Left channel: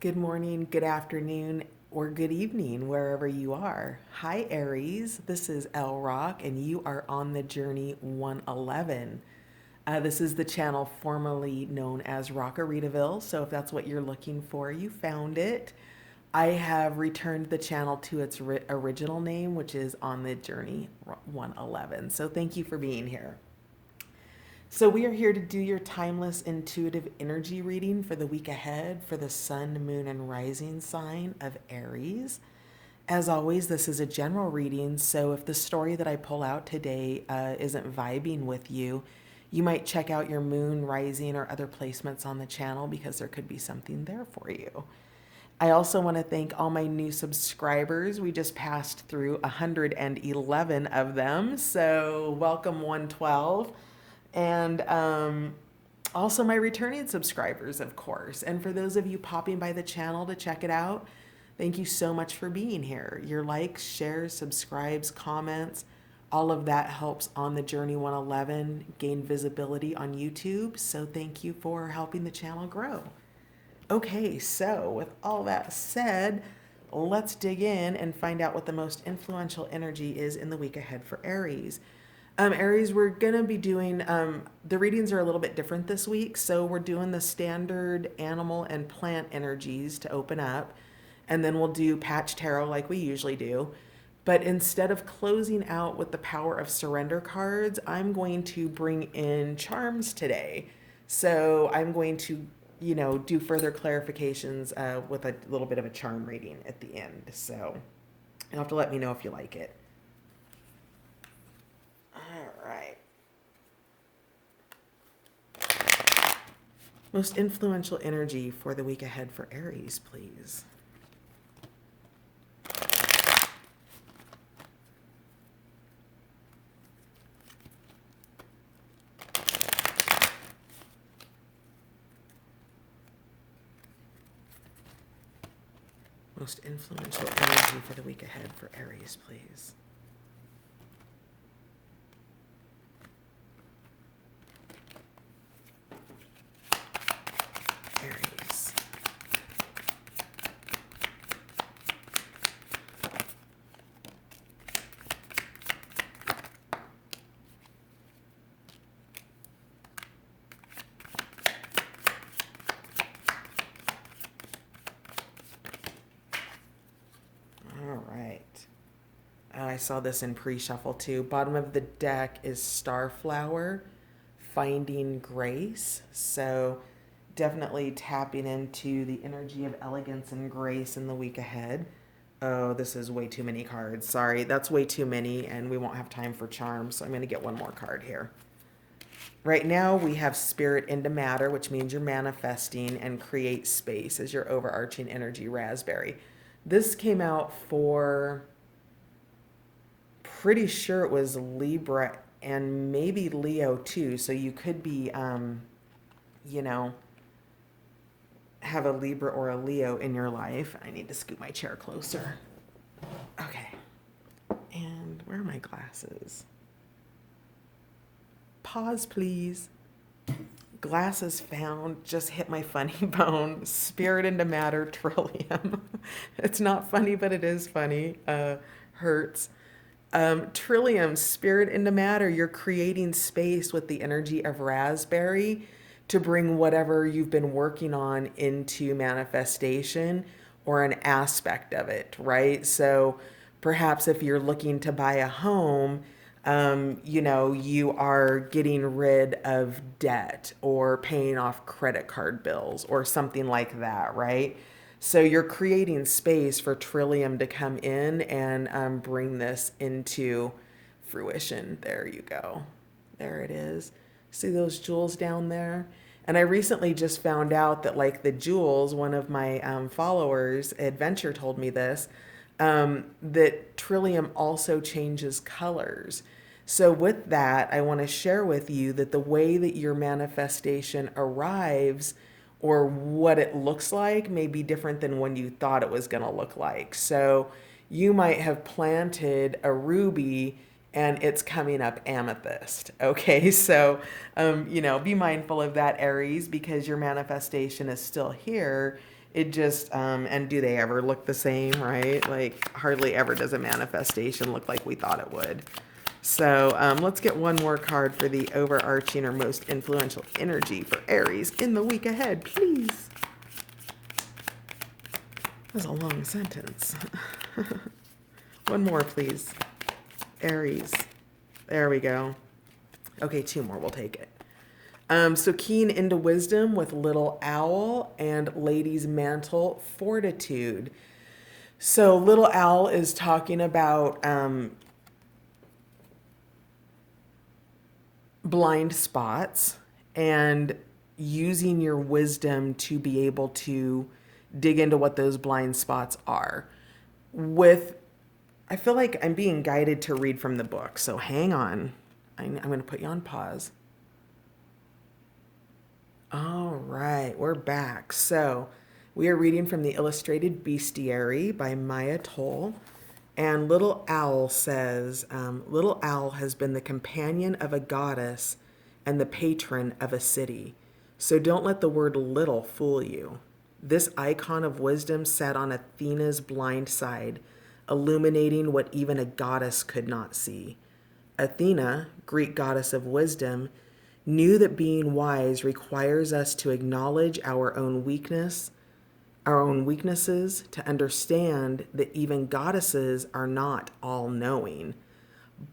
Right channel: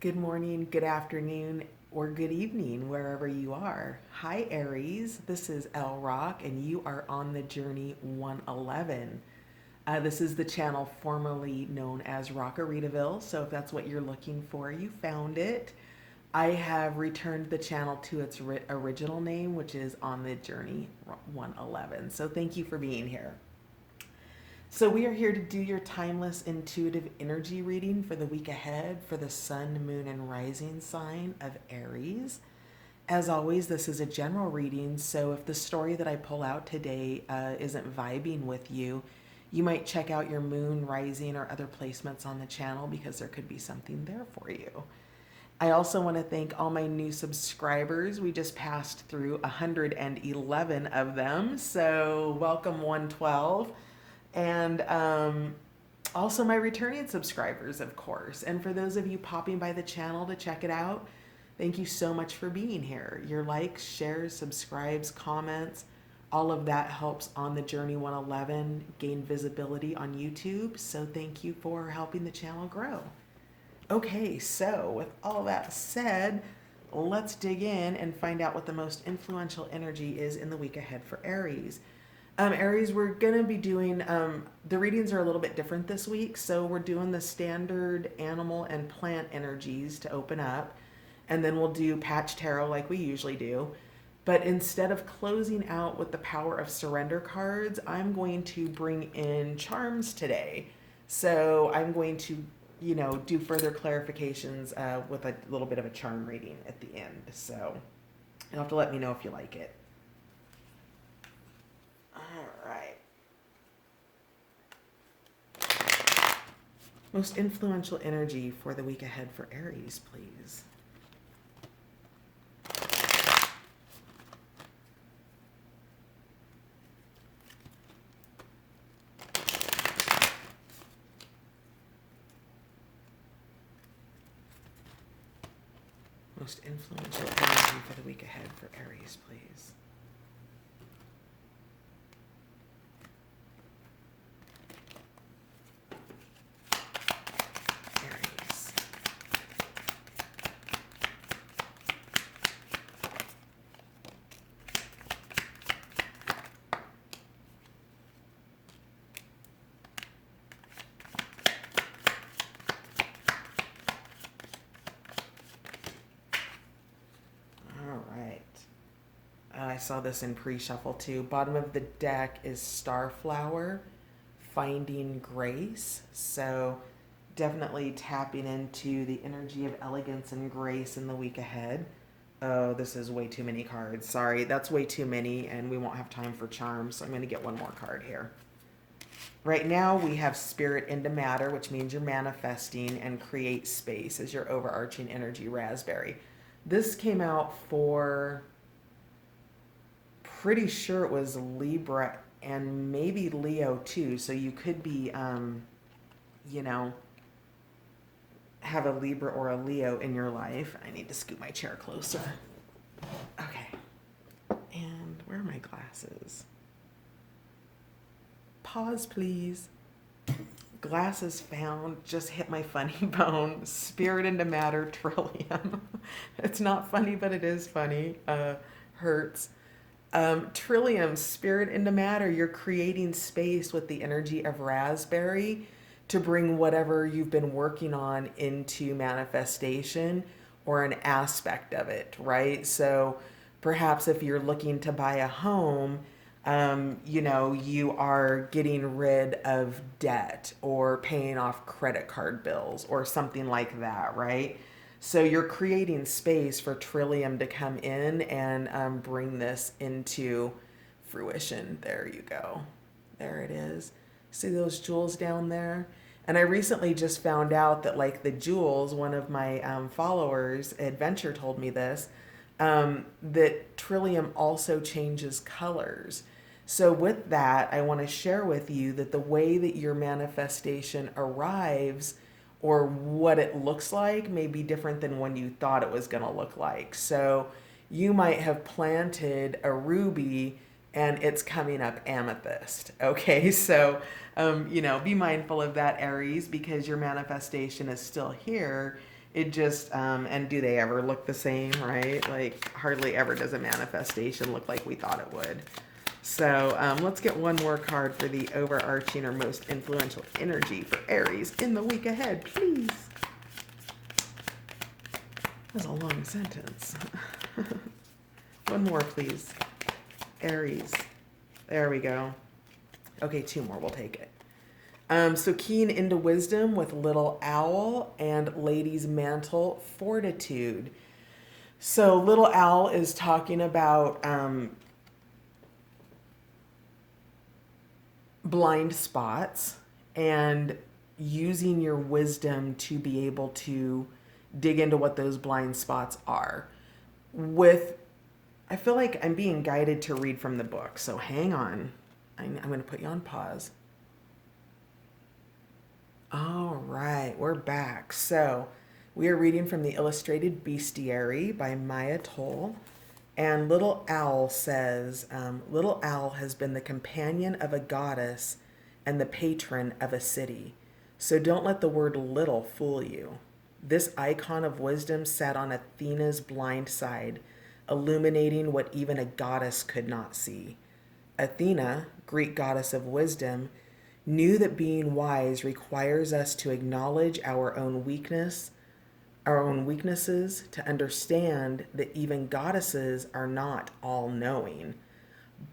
Good morning, good afternoon, or good evening, wherever you are. Hi, Aries. This is L Rock, and you are on the journey 111. This is the channel formerly known as Rockaritaville, so if that's what you're looking for, you found it. I have returned the channel to its original name, which is On the Journey 111. So thank you for being here. So, we are here to do your timeless intuitive energy reading for the week ahead for the sun, moon, and rising sign of Aries. As always, this is a general reading, so if the story that I pull out today isn't vibing with you, you might check out your moon, rising, or other placements on the channel because there could be something there for you. I also want to thank all my new subscribers. We just passed through 111 of them, so welcome 112. And also my returning subscribers, of course. And for those of you popping by the channel to check it out, thank you so much for being here. Your likes, shares, subscribes, comments, all of that helps On the Journey 111 gain visibility on YouTube. So thank you for helping the channel grow. Okay, so with all that said, let's dig in and find out what the most influential energy is in the week ahead for Aries. Aries, we're going to be doing, the readings are a little bit different this week. So we're doing the standard animal and plant energies to open up. And then we'll do patch tarot like we usually do. But instead of closing out with the power of surrender cards, I'm going to bring in charms today. So I'm going to, do further clarifications with a little bit of a charm reading at the end. So you'll have to let me know if you like it. All right. Most influential energy for the week ahead for Aries, please. Most influential energy for the week ahead for Aries, please. Aries. All right. I saw this in pre-shuffle too. Bottom of the deck is Starflower, Finding Grace. So definitely tapping into the energy of elegance and grace in the week ahead. Oh, this is way too many cards. Sorry, that's way too many, and we won't have time for charms, so I'm going to get one more card here. Right now, we have Spirit into Matter, which means you're manifesting, and Create Space as your overarching energy, Raspberry. This came out for, pretty sure it was Libra and maybe Leo too. So you could be, you know, have a Libra or a Leo in your life. I need to scoot my chair closer. Okay. And where are my glasses? Pause, please. Glasses found, just hit my funny bone. Spirit into Matter, Trillium. It's not funny, but it is funny. Hurts. Trillium, Spirit into Matter. You're creating space with the energy of Raspberry to bring whatever you've been working on into manifestation or an aspect of it, right? So perhaps if you're looking to buy a home, you are getting rid of debt or paying off credit card bills or something like that, right? So you're creating space for Trillium to come in and bring this into fruition. There you go. There it is. See those jewels down there? And I recently just found out that, like, the jewels, one of my followers, Adventure, told me this, that Trillium also changes colors. So, with that, I want to share with you that the way that your manifestation arrives or what it looks like may be different than when you thought it was going to look like. So, you might have planted a ruby and it's coming up amethyst. Okay, so be mindful of that, Aries, because your manifestation is still here. It just, and do they ever look the same, right? Like, hardly ever does a manifestation look like we thought it would. So let's get one more card for the overarching or most influential energy for Aries in the week ahead, please. That's a long sentence. One more, please. Aries. There we go. Okay, two more. We'll take it. So keen into wisdom with little owl and lady's mantle fortitude. So little owl is talking about blind spots and using your wisdom to be able to dig into what those blind spots are. I feel like I'm being guided to read from the book, so hang on. I'm going to put you on pause. All right, we're back. So we are reading from the Illustrated Bestiary by Maya Toll. And Little Owl says, Little Owl has been the companion of a goddess and the patron of a city. So don't let the word little fool you. This icon of wisdom sat on Athena's blind side, illuminating what even a goddess could not see. Athena, Greek goddess of wisdom, knew that being wise requires us to acknowledge our own weaknesses, to understand that even goddesses are not all knowing.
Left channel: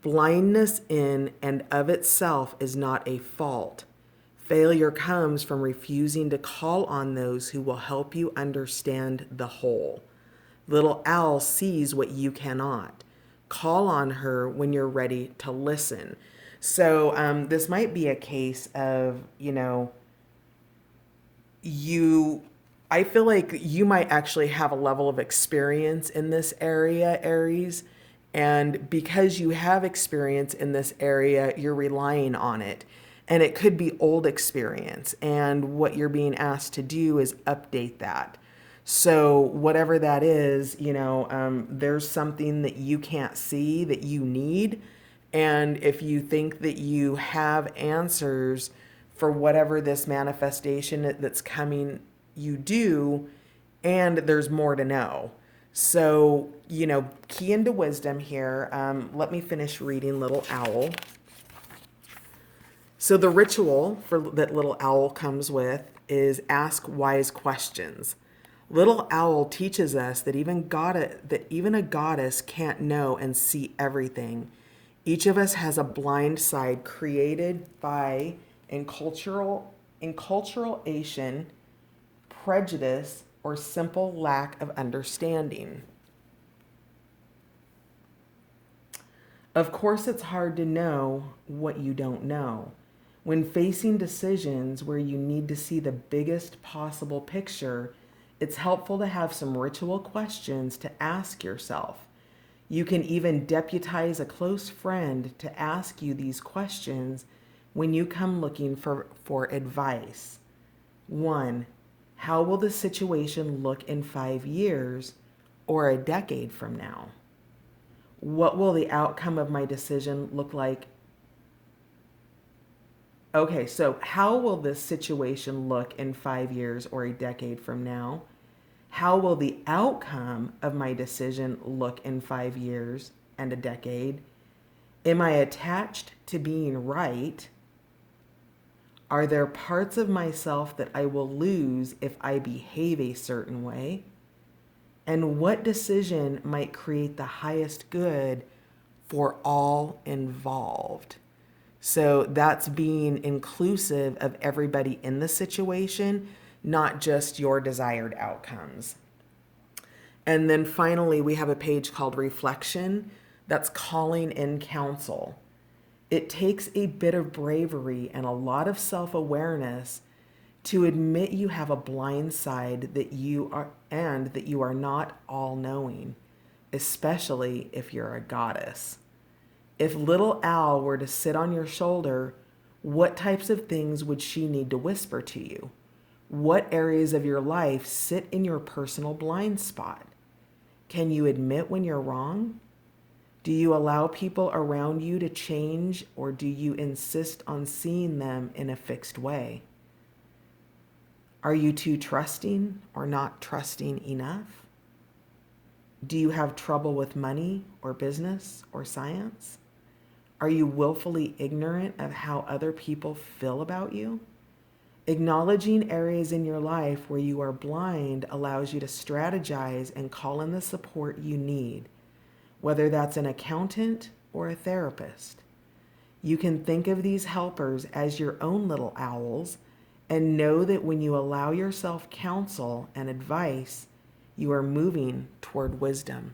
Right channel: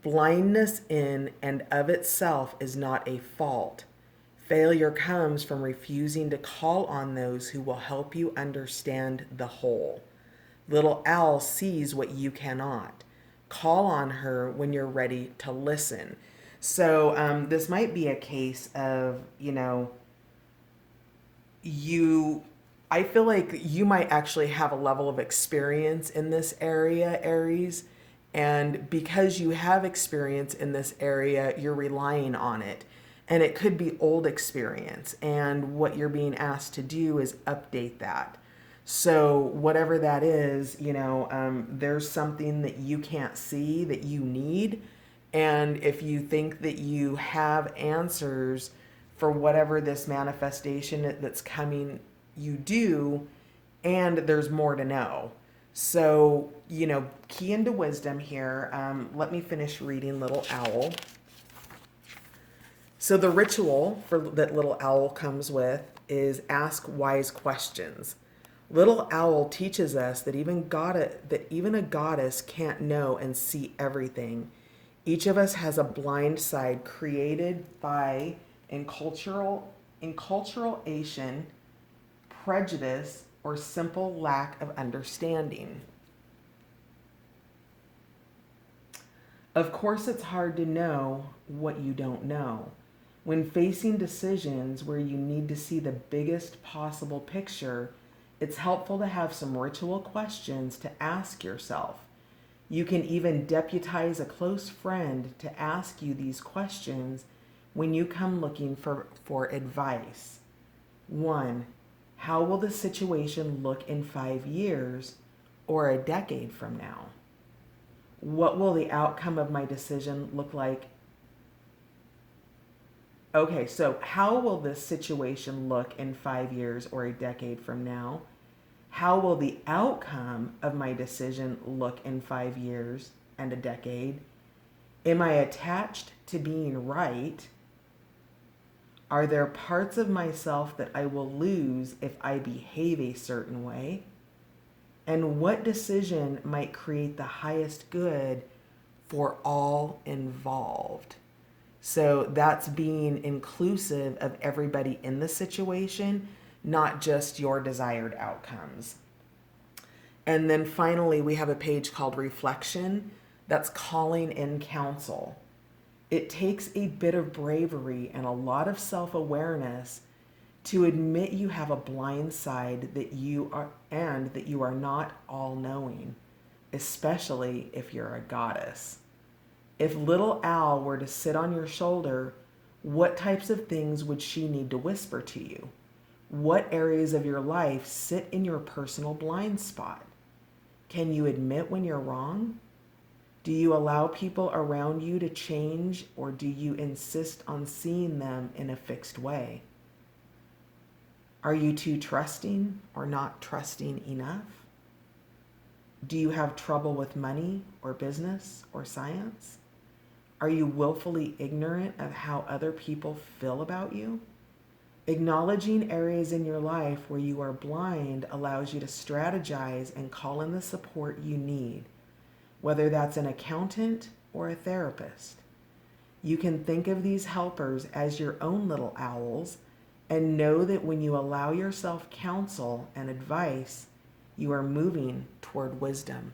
Blindness in and of itself is not a fault. Failure comes from refusing to call on those who will help you understand the whole. Little Owl sees what you cannot. Call on her when you're ready to listen. So this might be a case of, you I feel like you might actually have a level of experience in this area, Aries. And because you have experience in this area, you're relying on it. And it could be old experience. And what you're being asked to do is update that. So, whatever that is, there's something that you can't see that you need. And if you think that you have answers for whatever this manifestation that's coming, you do, and there's more to know. So, key into wisdom here. Let me finish reading Little Owl. So, the ritual that Little Owl comes with is ask wise questions. Little Owl teaches us that even a goddess can't know and see everything. Each of us has a blind side created by enculturation, prejudice, or simple lack of understanding. Of course, it's hard to know what you don't know. When facing decisions where you need to see the biggest possible picture, it's helpful to have some ritual questions to ask yourself. You can even deputize a close friend to ask you these questions when you come looking for advice. 1. How will the situation look in 5 years or a decade from now? What will the outcome of my decision look like? Okay, so how will this situation look in 5 years or a decade from now? How will the outcome of my decision look in 5 years and a decade? Am I attached to being right? Are there parts of myself that I will lose if I behave a certain way? And what decision might create the highest good for all involved? So that's being inclusive of everybody in the situation, not just your desired outcomes. And then finally, we have a page called Reflection that's calling in counsel. It takes a bit of bravery and a lot of self-awareness to admit you have a blind side that you are not all-knowing, especially if you're a goddess. If Little Owl were to sit on your shoulder, what types of things would she need to whisper to you? What areas of your life sit in your personal blind spot? Can you admit when you're wrong? Do you allow people around you to change, or do you insist on seeing them in a fixed way? Are you too trusting or not trusting enough? Do you have trouble with money or business or science? Are you willfully ignorant of how other people feel about you? Acknowledging areas in your life where you are blind allows you to strategize and call in the support you need, whether that's an accountant or a therapist. You can think of these helpers as your own little owls and know that when you allow yourself counsel and advice, you are moving toward wisdom.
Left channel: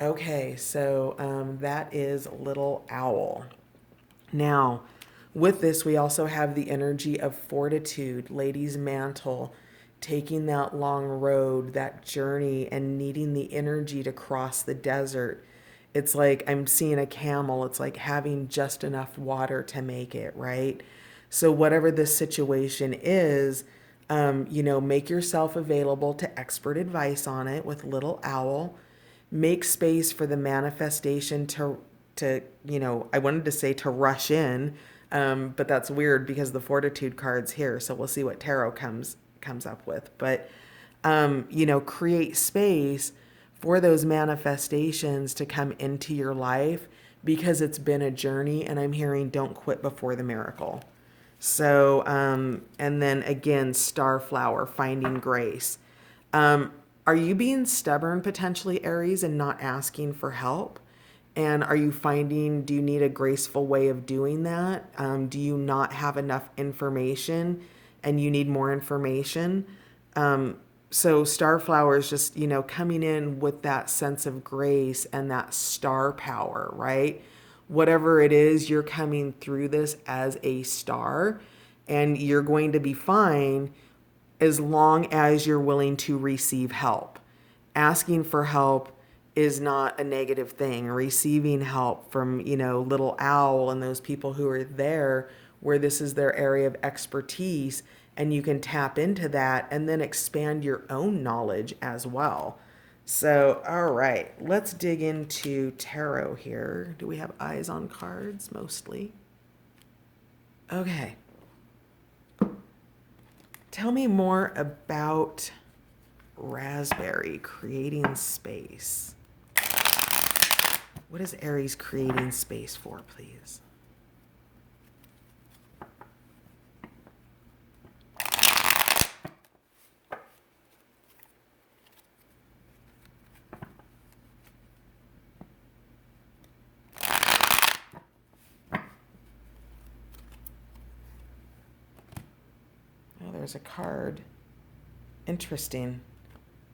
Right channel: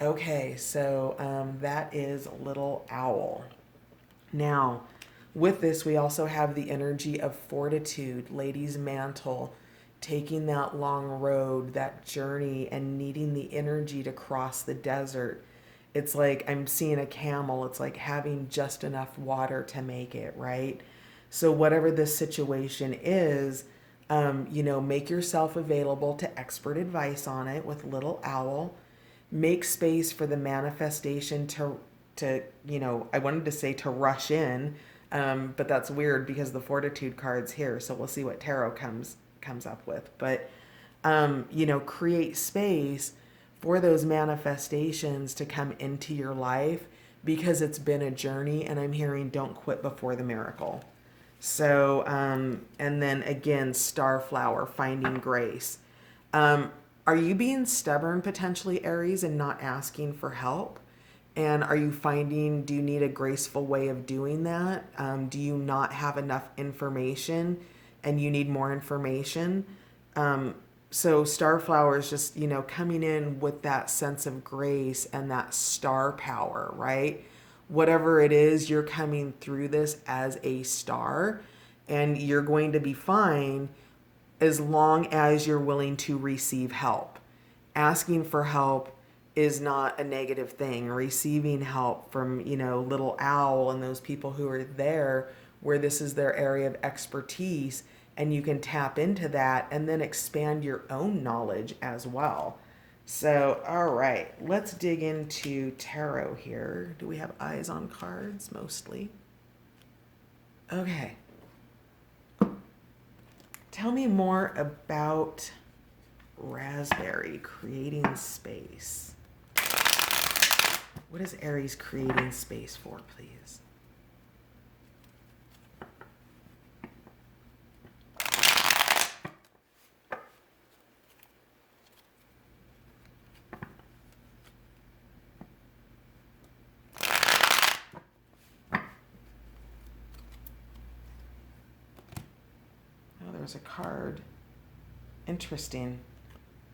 Okay, so that is Little Owl. Now, with this, we also have the energy of fortitude, Lady's Mantle, taking that long road, that journey, and needing the energy to cross the desert. It's like I'm seeing a camel, it's like having just enough water to make it, right? So, whatever this situation is, make yourself available to expert advice on it with Little Owl. Make space for the manifestation to I wanted to say to rush in, but that's weird because the fortitude card's here. So we'll see what tarot comes up with. But create space for those manifestations to come into your life because it's been a journey. And I'm hearing don't quit before the miracle. So, and then again, Starflower, finding grace. Are you being stubborn potentially, Aries, and not asking for help? And are you finding, do you need a graceful way of doing that? Do you not have enough information and you need more information? So Starflower is just, coming in with that sense of grace and that star power, right? Whatever it is, you're coming through this as a star and you're going to be fine as long as you're willing to receive help. Asking for help is not a negative thing. Receiving help from, Little Owl and those people who are there where this is their area of expertise, and you can tap into that and then expand your own knowledge as well. So, all right, let's dig into tarot here. Do we have eyes on cards mostly? Okay. Tell me more about Raspberry creating space. What is Aries creating space for, please? Oh, there's a card. Interesting.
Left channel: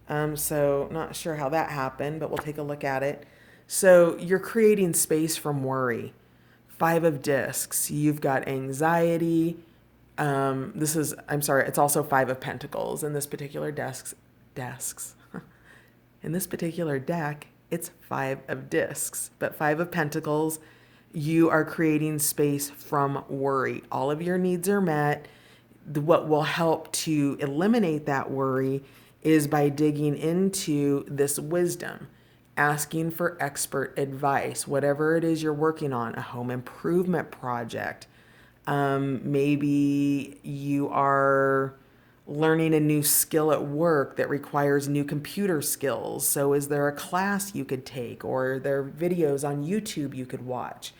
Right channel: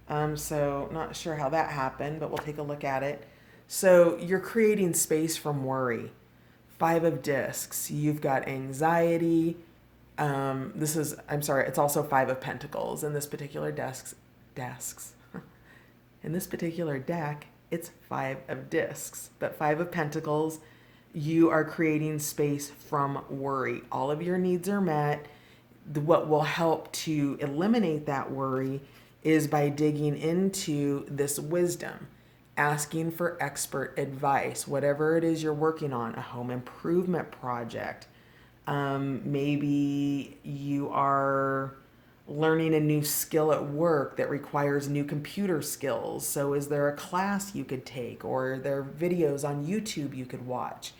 So not sure how that happened, but we'll take a look at it. So you're creating space from worry. Five of discs. You've got anxiety. It's also Five of Pentacles in this particular desks. In this particular deck, it's Five of Discs, but Five of Pentacles, you are creating space from worry. All of your needs are met. What will help to eliminate that worry is by digging into this wisdom, asking for expert advice, whatever it is you're working on, a home improvement project. Maybe you are learning a new skill at work that requires new computer skills. So is there a class you could take, or are there videos on YouTube you could watch?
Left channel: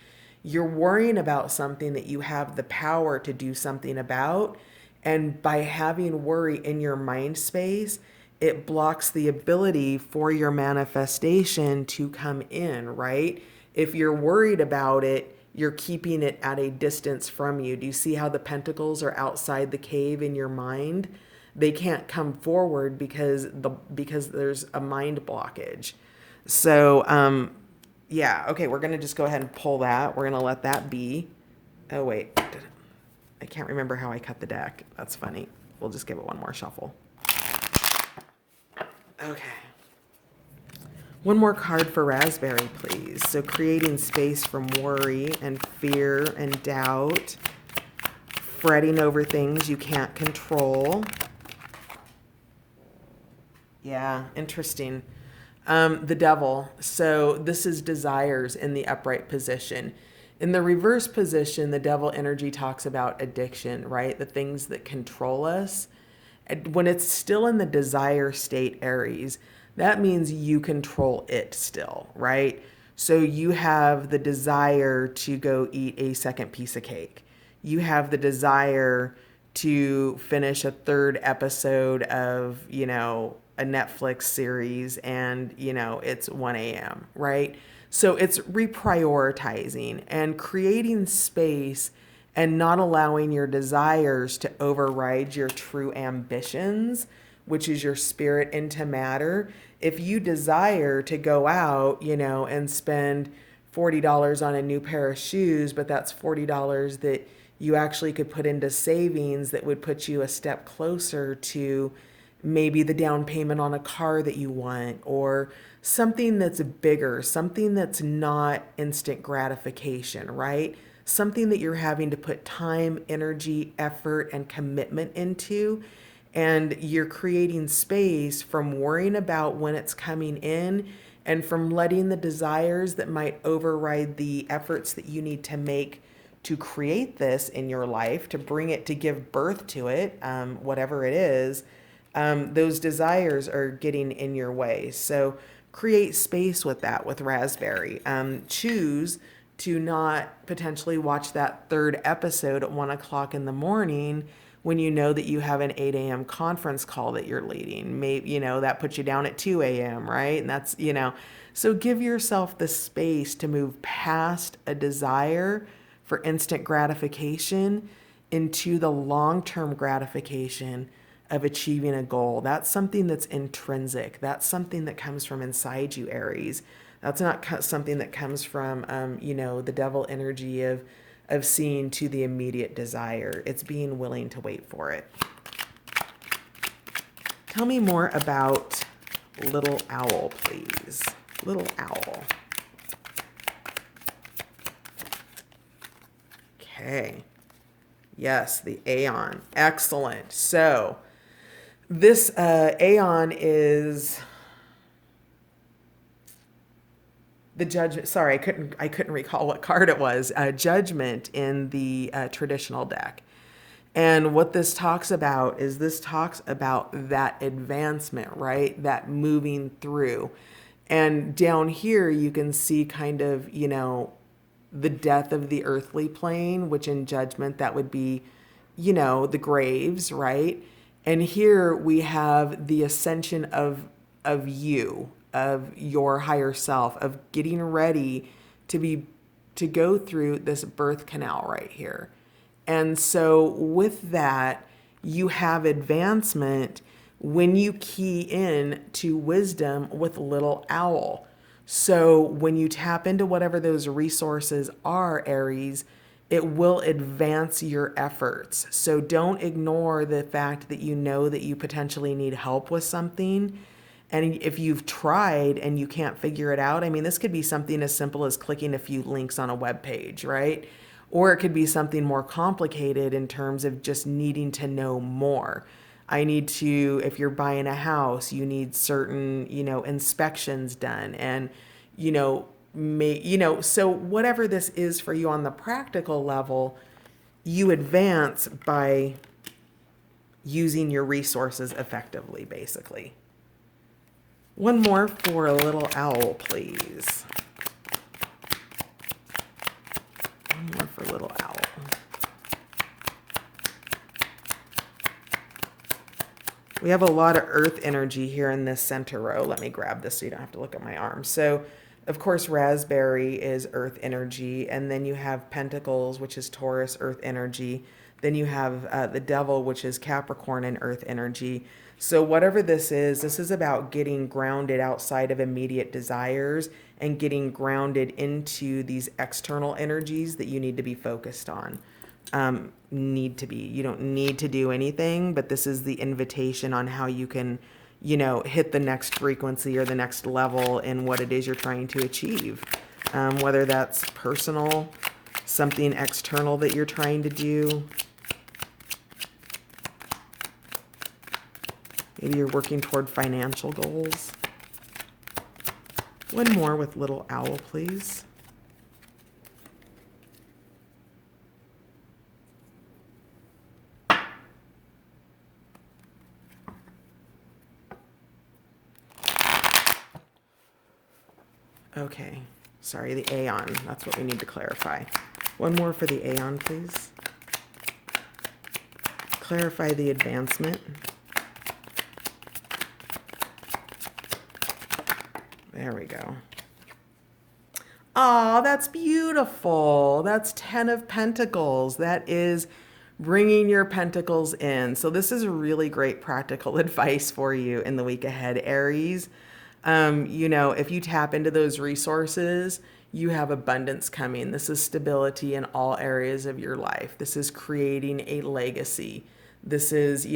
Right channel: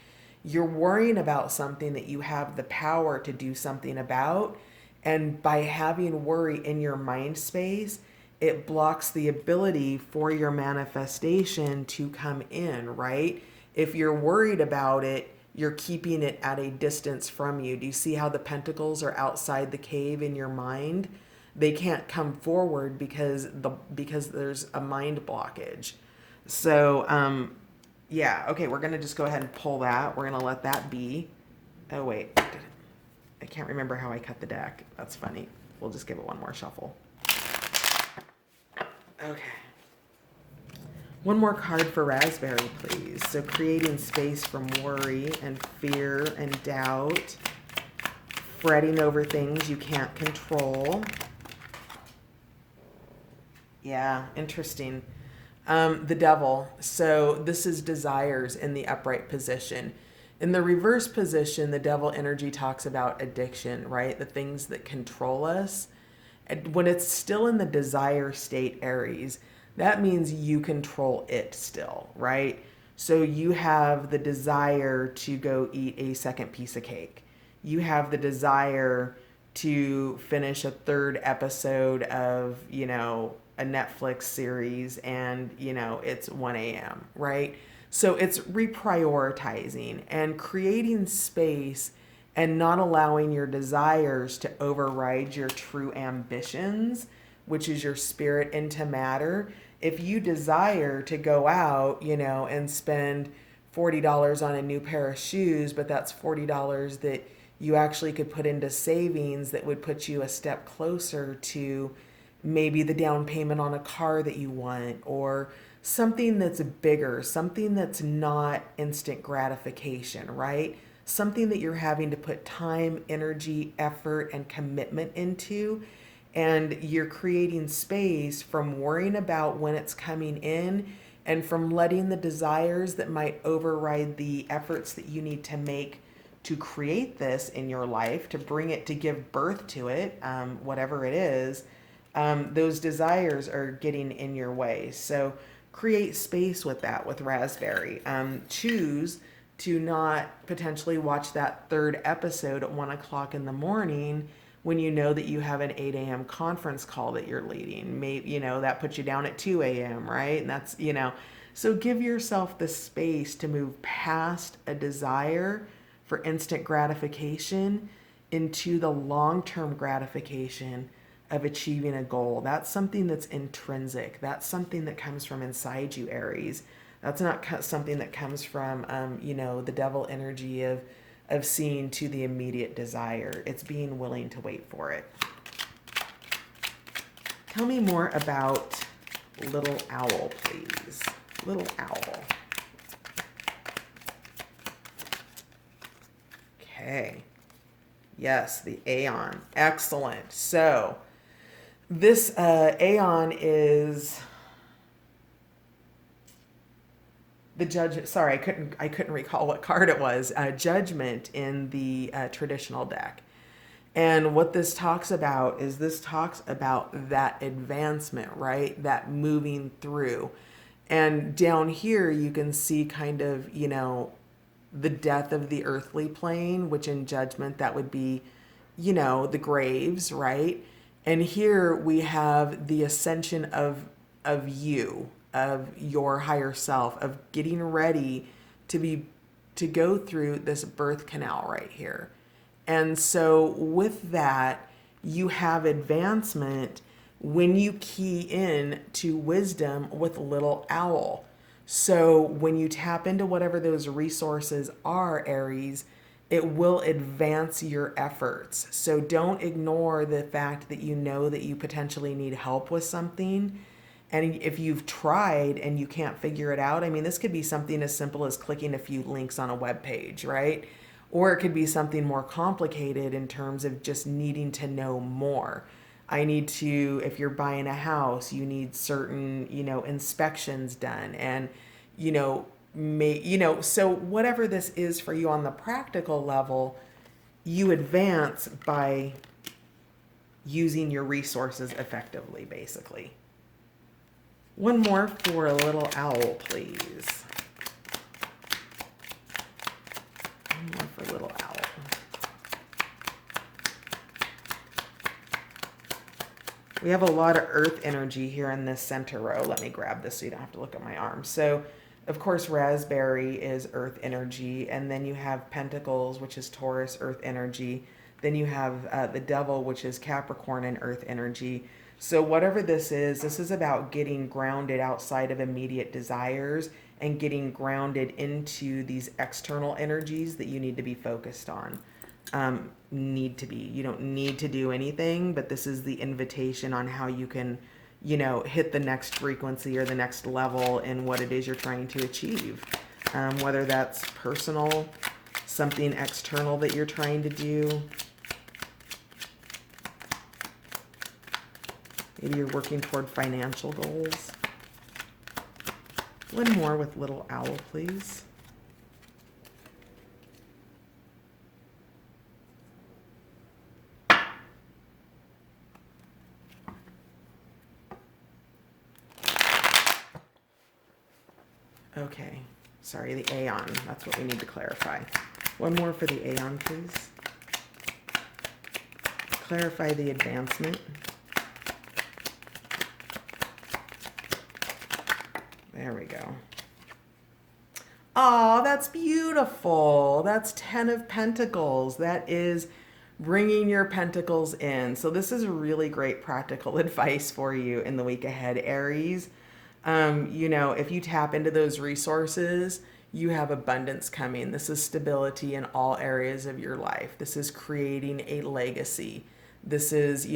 You're worrying about something that you have the power to do something about. And by having worry in your mind space, it blocks the ability for your manifestation to come in, right? If you're worried about it, you're keeping it at a distance from you. Do you see how the pentacles are outside the cave in your mind? They can't come forward because there's a mind blockage. So, yeah, okay, we're going to just go ahead and pull that. We're going to let that be. Oh, wait. I can't remember how I cut the deck. That's funny. We'll just give it one more shuffle. Okay. One more card for Raspberry, please. So creating space from worry and fear and doubt, fretting over things you can't control. Yeah, interesting. The Devil. So this is desires in the upright position. In the reverse position, the Devil energy talks about addiction, right? The things that control us. And when it's still in the desire state, Aries, that means you control it still, right? So you have the desire to go eat a second piece of cake. You have the desire to finish a third episode of, a Netflix series and, it's 1 a.m., right? So it's reprioritizing and creating space and not allowing your desires to override your true ambitions, which is your spirit into matter. If you desire to go out, and spend $40 on a new pair of shoes, but that's $40 that you actually could put into savings that would put you a step closer to maybe the down payment on a car that you want, or something that's bigger, something that's not instant gratification, right? Something that you're having to put time, energy, effort, and commitment into. And you're creating space from worrying about when it's coming in and from letting the desires that might override the efforts that you need to make to create this in your life, to bring it, to give birth to it, whatever it is, those desires are getting in your way. So create space with that with Raspberry. Choose to not potentially watch that third episode at 1 o'clock in the morning when you know that you have an 8 a.m. conference call that you're leading. Maybe, that puts you down at 2 a.m., right? And that's, so give yourself the space to move past a desire for instant gratification into the long-term gratification of achieving a goal. That's something that's intrinsic. That's something that comes from inside you, Aries. That's not something that comes from, the devil energy of seeing to the immediate desire. It's being willing to wait for it. Tell me more about Little Owl, please. Little Owl. Okay. Yes, the Aeon. Excellent. So this Aeon is the judge. Sorry, I couldn't recall what card it was. Judgment in the traditional deck. And what this talks about is that advancement, right? That moving through. And down here, you can see kind of, the death of the earthly plane, which in judgment, that would be, the graves, right? And here we have the ascension of you, of your higher self, of getting ready to go through this birth canal right here. And so with that, you have advancement when you key in to wisdom with Little Owl. So when you tap into whatever those resources are, Aries, it will advance your efforts. So don't ignore the fact that you know that you potentially need help with something. And if you've tried and you can't figure it out, I mean, this could be something as simple as clicking a few links on a web page, right? Or it could be something more complicated in terms of just needing to know more. I need to, if you're buying a house, you need certain, inspections done. And, so whatever this is for you on the practical level, you advance by using your resources effectively, basically. One more for a Little Owl, please. One more for Little Owl. We have a lot of earth energy here in this center row. Let me grab this so you don't have to look at my arm. So, of course, Raspberry is earth energy. And then you have Pentacles, which is Taurus, earth energy. Then you have the Devil, which is Capricorn and earth energy. So whatever this is about getting grounded outside of immediate desires and getting grounded into these external energies that you need to be focused on. You don't need to do anything, but this is the invitation on how you can, hit the next frequency or the next level in what it is you're trying to achieve. Whether that's personal, something external that you're trying to do. Maybe you're working toward financial goals. One more with Little Owl, please. Okay. Sorry, the Aeon. That's what we need to clarify. One more for the Aeon, please. Clarify the advancement. There we go. Oh, that's beautiful. That's 10 of Pentacles. That is bringing your pentacles in. So this is really great practical advice for you in the week ahead, Aries. If you tap into those resources, you have abundance coming. This is stability in all areas of your life. This is creating a legacy. This is,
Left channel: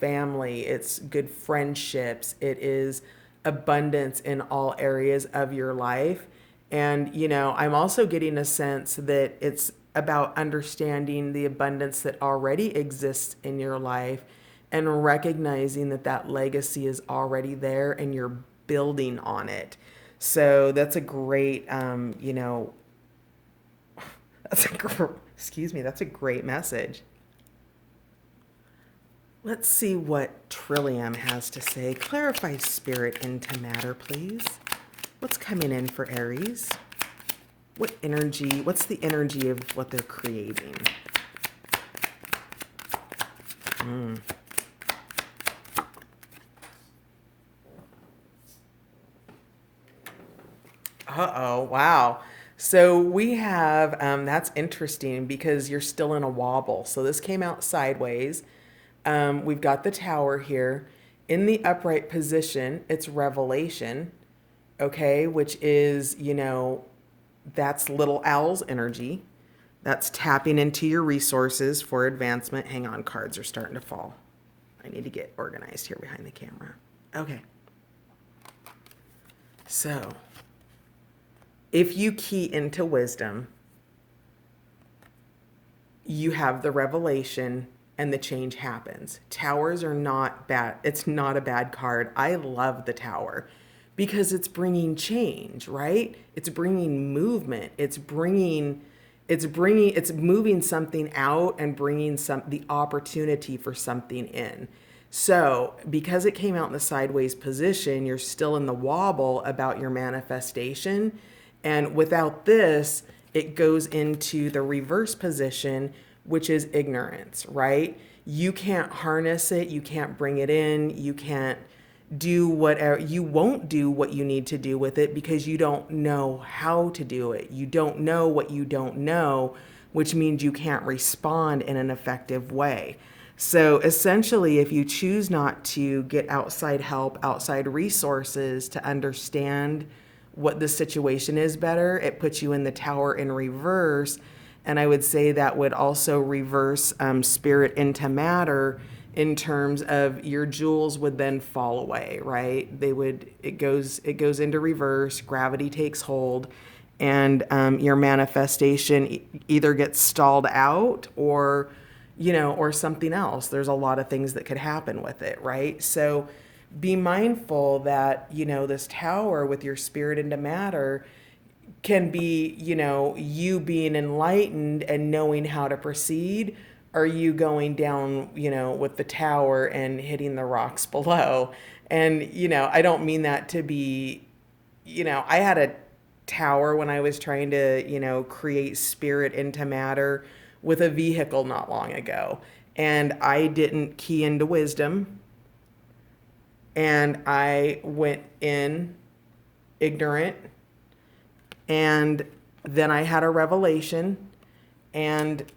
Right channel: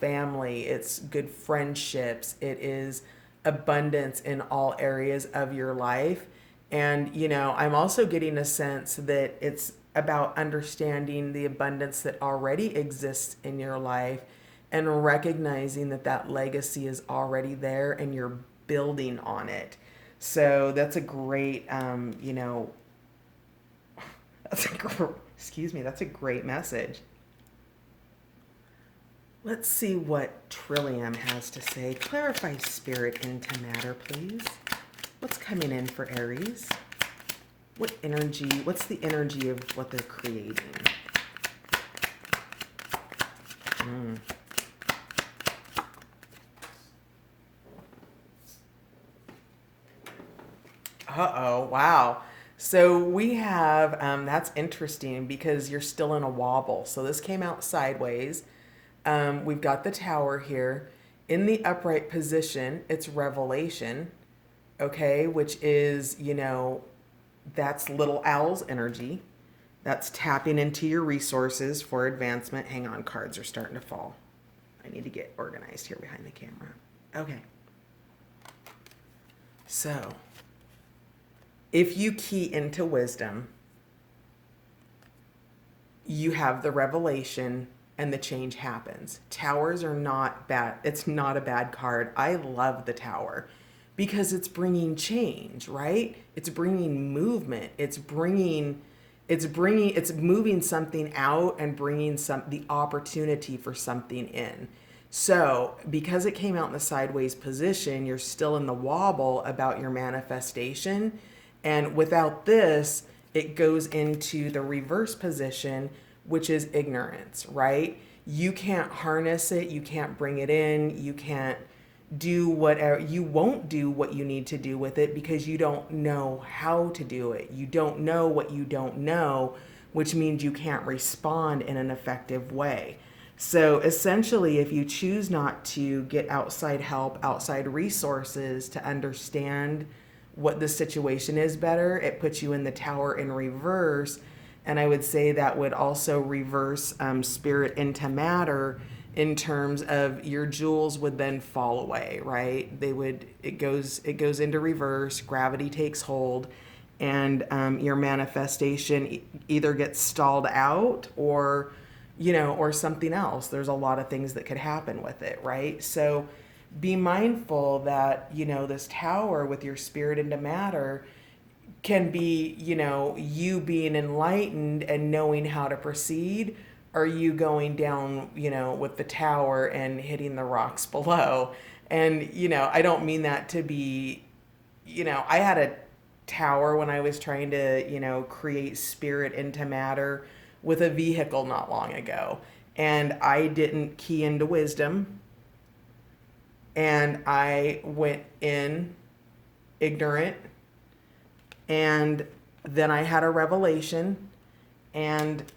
family. It's good friendships. It is abundance in all areas of your life. And, I'm also getting a sense that it's about understanding the abundance that already exists in your life and recognizing that that legacy is already there and you're building on it. So that's a great, that's a great message. Let's see what Trillium has to say. Clarify spirit into matter, please. What's coming in for Aries? What's the energy of what they're creating? Uh-oh, wow. So we have, that's interesting because you're still in a wobble. So this came out sideways. We've got the tower here. In the upright position, it's revelation, okay, which is, that's little owl's energy. That's tapping into your resources for advancement. Hang on, cards are starting to fall. I need to get organized here behind the camera. Okay. So, if you key into wisdom, you have the revelation and the change happens. Towers are not bad. It's not a bad card. I love the tower because it's bringing change, right? It's bringing movement. It's moving something out and bringing the opportunity for something in. So, because it came out in the sideways position, you're still in the wobble about your manifestation. And without this, it goes into the reverse position, which is ignorance, right? You can't harness it. You can't bring it in. You can't do whatever. You won't do what you need to do with it because you don't know how to do it. You don't know what you don't know, which means you can't respond in an effective way. So essentially, if you choose not to get outside help, outside resources to understand what the situation is better, it puts you in the tower in reverse. And I would say that would also reverse spirit into matter in terms of your jewels would then fall away, right? It goes into reverse, gravity takes hold, and your manifestation either gets stalled out or something else. There's a lot of things that could happen with it, right? So be mindful that, this tower with your spirit into matter can be, you being enlightened and knowing how to proceed, or you going down, with the tower and hitting the rocks below. And, I don't mean that to be, I had a tower when I was trying to, create spirit into matter with a vehicle not long ago. And I didn't key into wisdom. And I went in ignorant. And then I had a revelation, and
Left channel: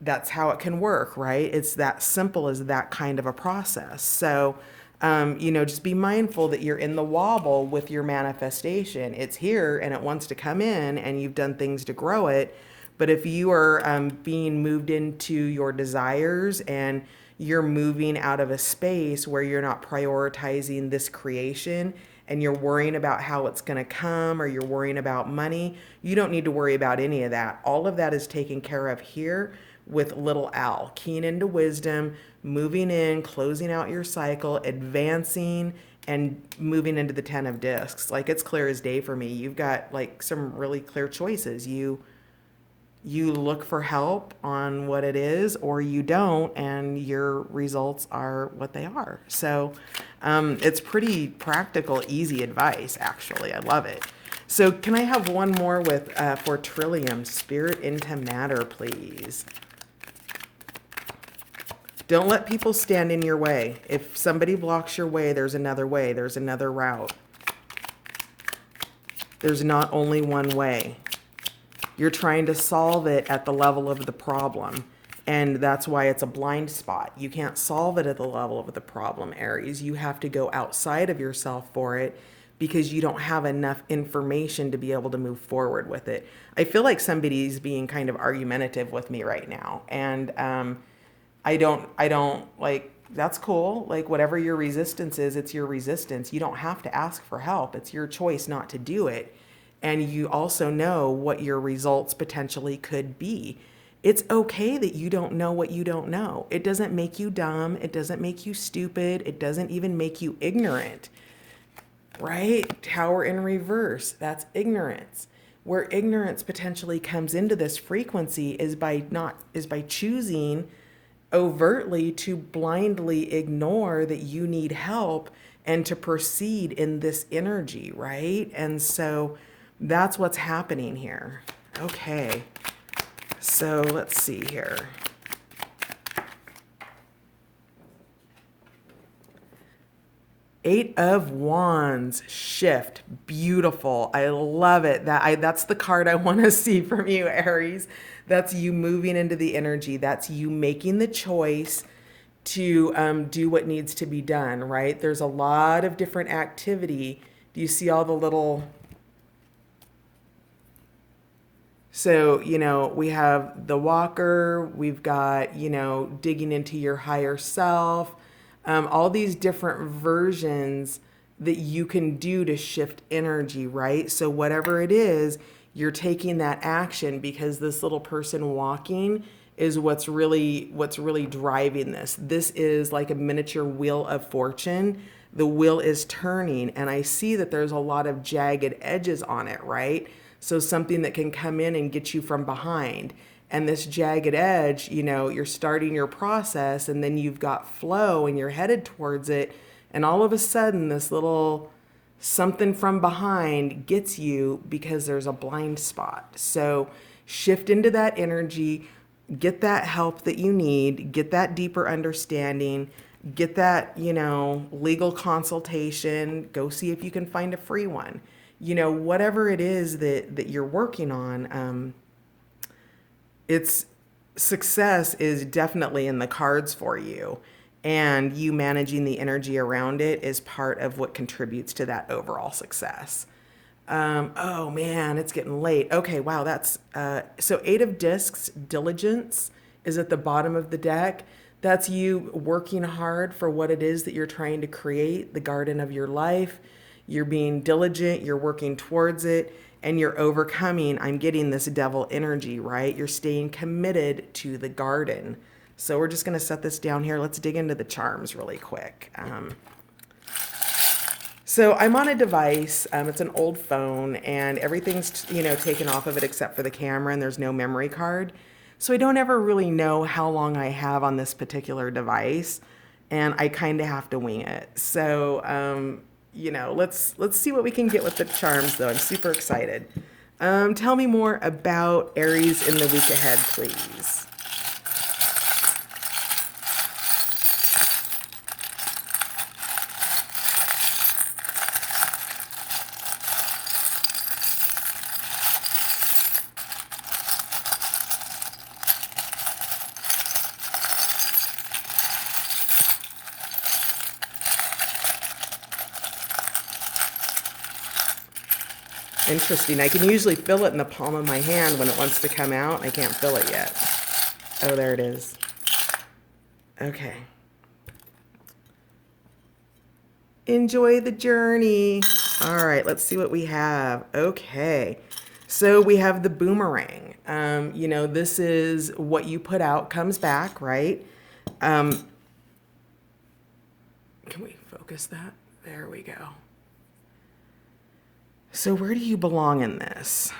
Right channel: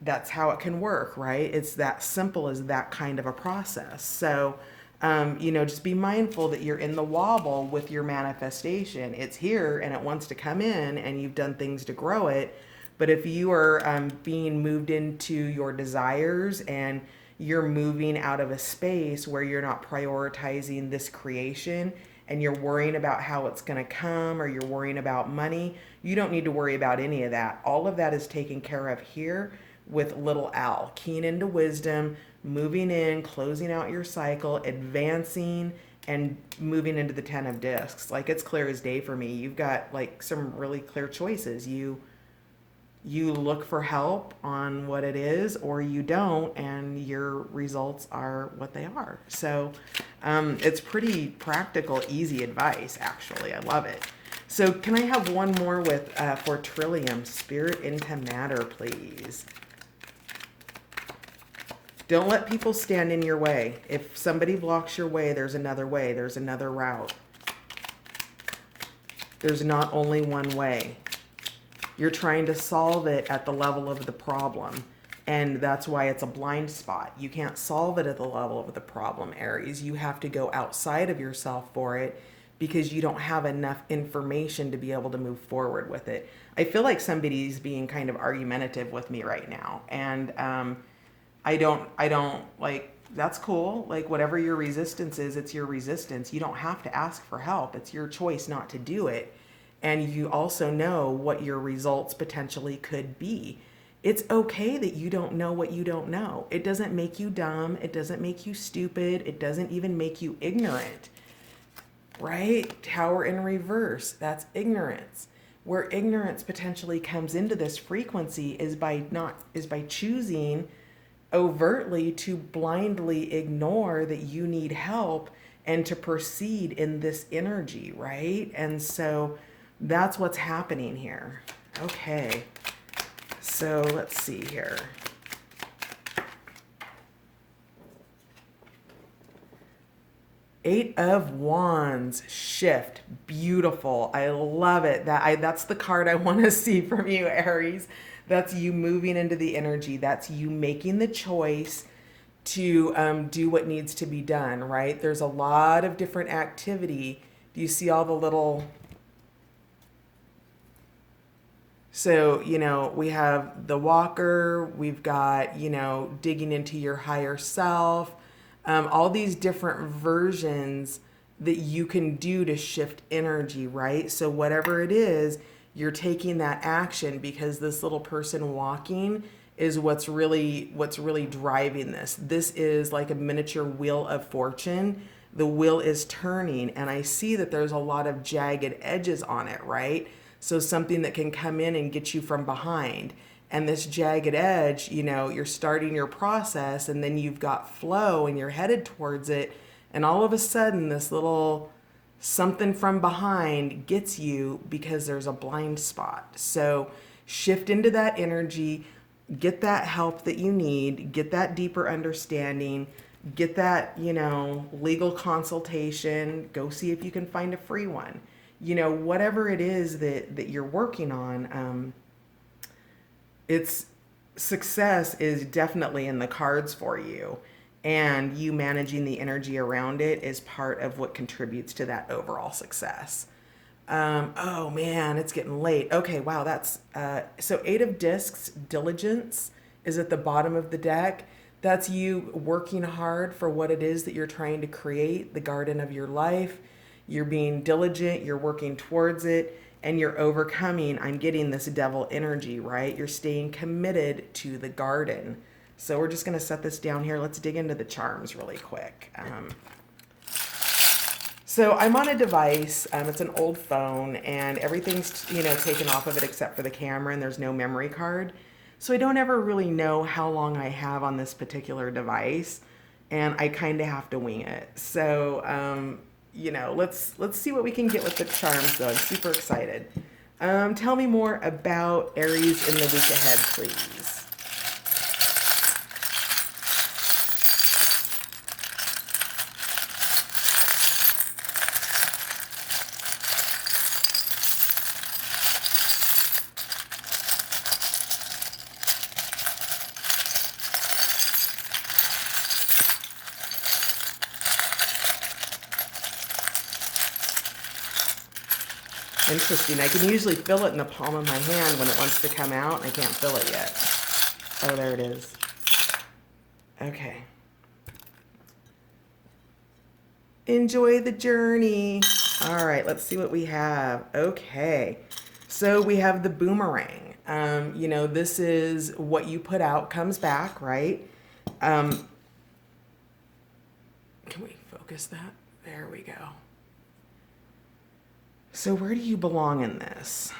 that's how it can work, right? It's that simple as that kind of a process. So, just be mindful that you're in the wobble with your manifestation. It's here and it wants to come in, and you've done things to grow it. But if you are being moved into your desires and you're moving out of a space where you're not prioritizing this creation and you're worrying about how it's going to come, or you're worrying about money, you don't need to worry about any of that. All of that is taken care of here with little L. Keying into wisdom, moving in, closing out your cycle, advancing, and moving into the 10 of discs. Like, it's clear as day for me. You've got like some really clear choices. You look for help on what it is, or you don't, and your results are what they are. So it's pretty practical, easy advice, actually. I love it. So can I have one more with for Trillium? Spirit into matter, please. Don't let people stand in your way. If somebody blocks your way, there's another way. There's another route. There's not only one way. You're trying to solve it at the level of the problem. And that's why it's a blind spot. You can't solve it at the level of the problem, Aries. You have to go outside of yourself for it because you don't have enough information to be able to move forward with it. I feel like somebody's being kind of argumentative with me right now. And I don't like, that's cool. Like, whatever your resistance is, it's your resistance. You don't have to ask for help. It's your choice not to do it. And you also know what your results potentially could be. It's okay that you don't know what you don't know. It doesn't make you dumb. It doesn't make you stupid. It doesn't even make you ignorant, right? Tower in reverse, that's ignorance. Where ignorance potentially comes into this frequency is by choosing overtly to blindly ignore that you need help and to proceed in this energy, right? And so that's what's happening here. Okay. So let's see here. Eight of Wands, shift, beautiful. I love it. That's the card I want to see from you, Aries. That's you moving into the energy. That's you making the choice to do what needs to be done. Right? There's a lot of different activity. Do you see all the little? So, we have the walker, we've got, digging into your higher self, all these different versions that you can do to shift energy, right? So, whatever it is, you're taking that action because this little person walking is what's really driving this. This is like a miniature wheel of fortune. The wheel is turning, and I see that there's a lot of jagged edges on it, right? So something that can come in and get you from behind. And this jagged edge, you're starting your process and then you've got flow and you're headed towards it. And all of a sudden, this little something from behind gets you because there's a blind spot. So shift into that energy, get that help that you need, get that deeper understanding, get that, legal consultation, go see if you can find a free one. Whatever it is that you're working on, it's success is definitely in the cards for you. And you managing the energy around it is part of what contributes to that overall success. Oh man, it's getting late. Okay, wow, that's so Eight of Discs, diligence is at the bottom of the deck. That's you working hard for what it is that you're trying to create, the garden of your life. You're being diligent, you're working towards it, and you're overcoming. I'm getting this devil energy, right? You're staying committed to the garden. So we're just going to set this down here. Let's dig into the charms really quick. So I'm on a device. It's an old phone, and everything's taken off of it except for the camera, and there's no memory card. So I don't ever really know how long I have on this particular device, and I kind of have to wing it. So let's see what we can get with the charms, though. I'm super excited. Tell me more about Aries in the week ahead, please. Interesting. I can usually feel it in the palm of my hand when it wants to come out. I can't feel it yet. Oh, there it is. Okay. Enjoy the journey. All right, let's see what we have. Okay. So we have the boomerang. This is what you put out comes back, right? Can we focus that? There we go. So where do you belong in this?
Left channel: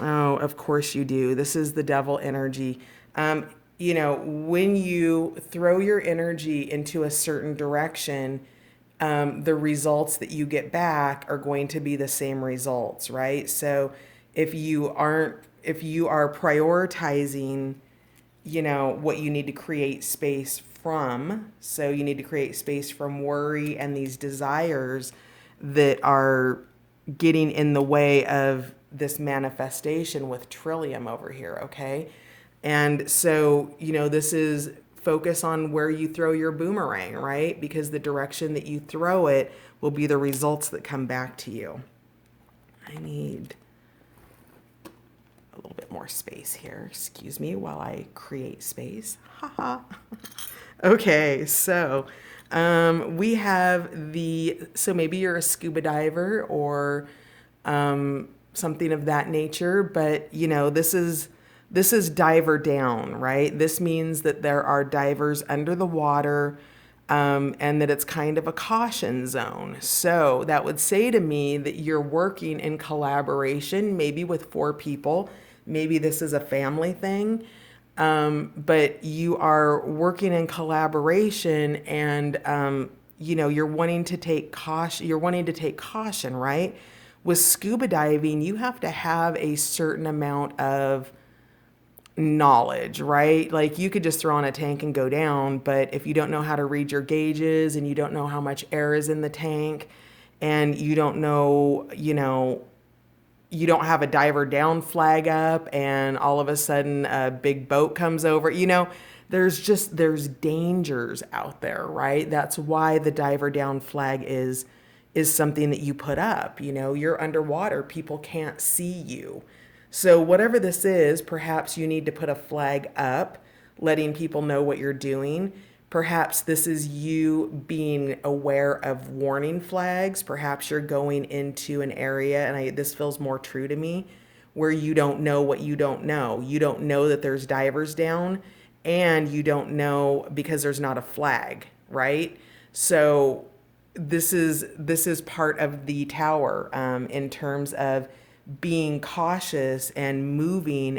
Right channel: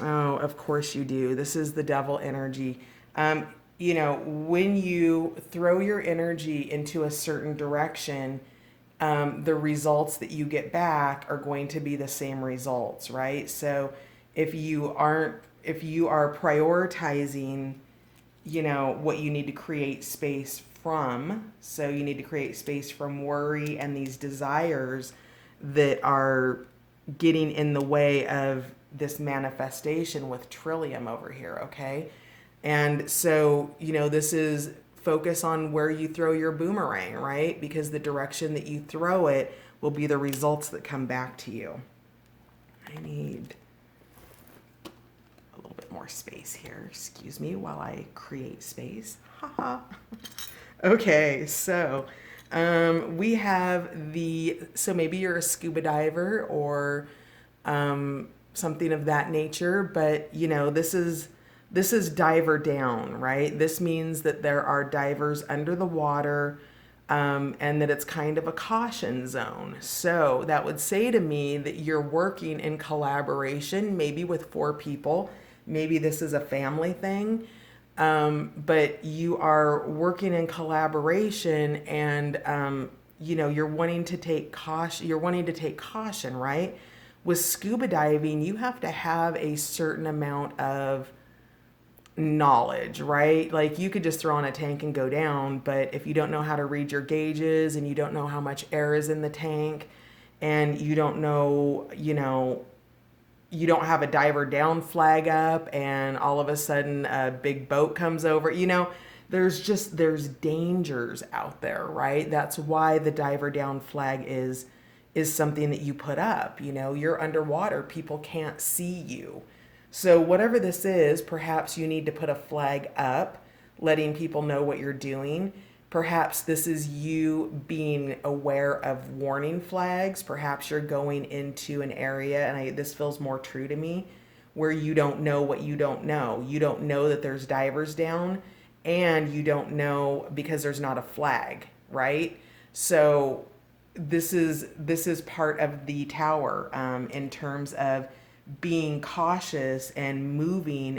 Oh, of course you do. This is the devil energy. When you throw your energy into a certain direction, the results that you get back are going to be the same results, right? So if you are prioritizing, what you need to create space from, so you need to create space from worry and these desires that are getting in the way of this manifestation with Trillium over here, okay? And so, this is focus on where you throw your boomerang, right? Because the direction that you throw it will be the results that come back to you. I need a little bit more space here. Excuse me while I create space. Haha. Okay, so we have so maybe you're a scuba diver or something of that nature, but this is diver down, right? This means that there are divers under the water, and that it's kind of a caution zone. So that would say to me that you're working in collaboration, maybe with four people. Maybe this is a family thing, but you are working in collaboration, and you're wanting to take caution. You're wanting to take caution, right? With scuba diving, you have to have a certain amount of knowledge, right? Like you could just throw on a tank and go down, but if you don't know how to read your gauges and you don't know how much air is in the tank and you don't know, you don't have a diver down flag up and all of a sudden a big boat comes over, there's dangers out there, right? That's why the diver down flag is something that you put up. You're underwater, people can't see you. So, whatever this is, perhaps you need to put a flag up, letting people know what you're doing. Perhaps this is you being aware of warning flags. Perhaps you're going into an area, and this feels more true to me, where you don't know what you don't know. You don't know that there's divers down, and you don't know because there's not a flag, right? So, this is part of the tower, in terms of being cautious and moving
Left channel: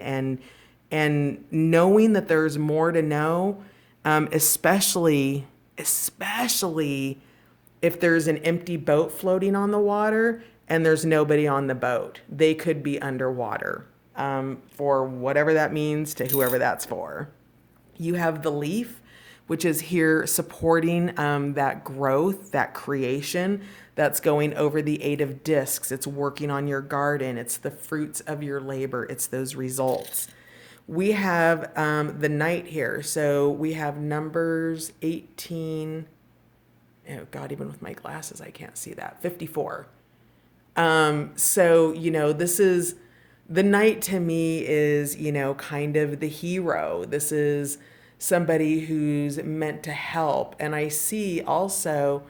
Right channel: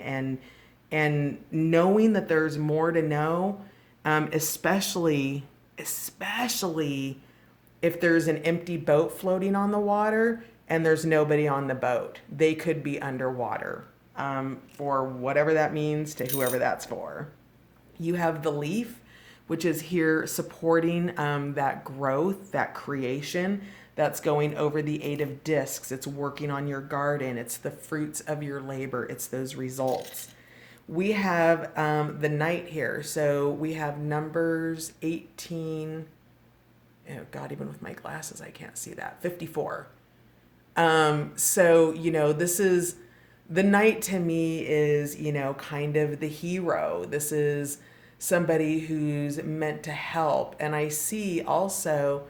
and knowing that there's more to know, especially if there's an empty boat floating on the water and there's nobody on the boat. They could be underwater, for whatever that means to whoever that's for. You have the leaf, which is here supporting that growth, that creation that's going over the Eight of Discs. It's working on your garden. It's the fruits of your labor. It's those results. We have the Knight here. So we have numbers 18. Oh, God, even with my glasses, I can't see that. 54. So, this is the Knight to me is, kind of the hero. This is somebody who's meant to help. And I see also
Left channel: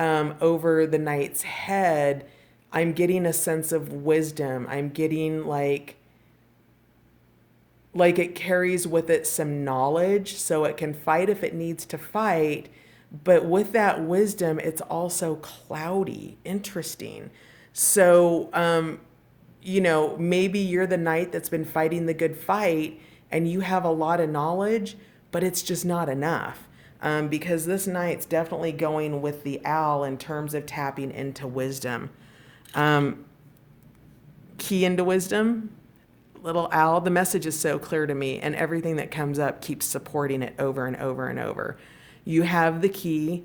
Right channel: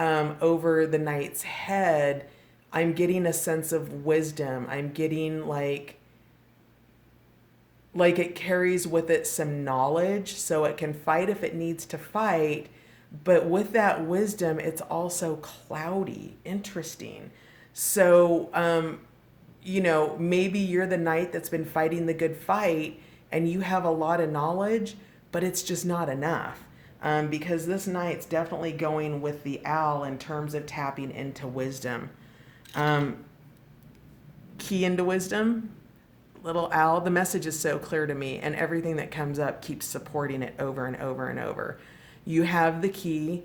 over the Knight's head, I'm getting a sense of wisdom. I'm getting like it carries with it some knowledge so it can fight if it needs to fight. But with that wisdom, it's also cloudy, interesting. So, maybe you're the Knight that's been fighting the good fight and you have a lot of knowledge, but it's just not enough. Because this Knight's definitely going with the owl in terms of tapping into wisdom. Key into wisdom, little owl. The message is so clear to me, and everything that comes up keeps supporting it over and over and over. You have the key,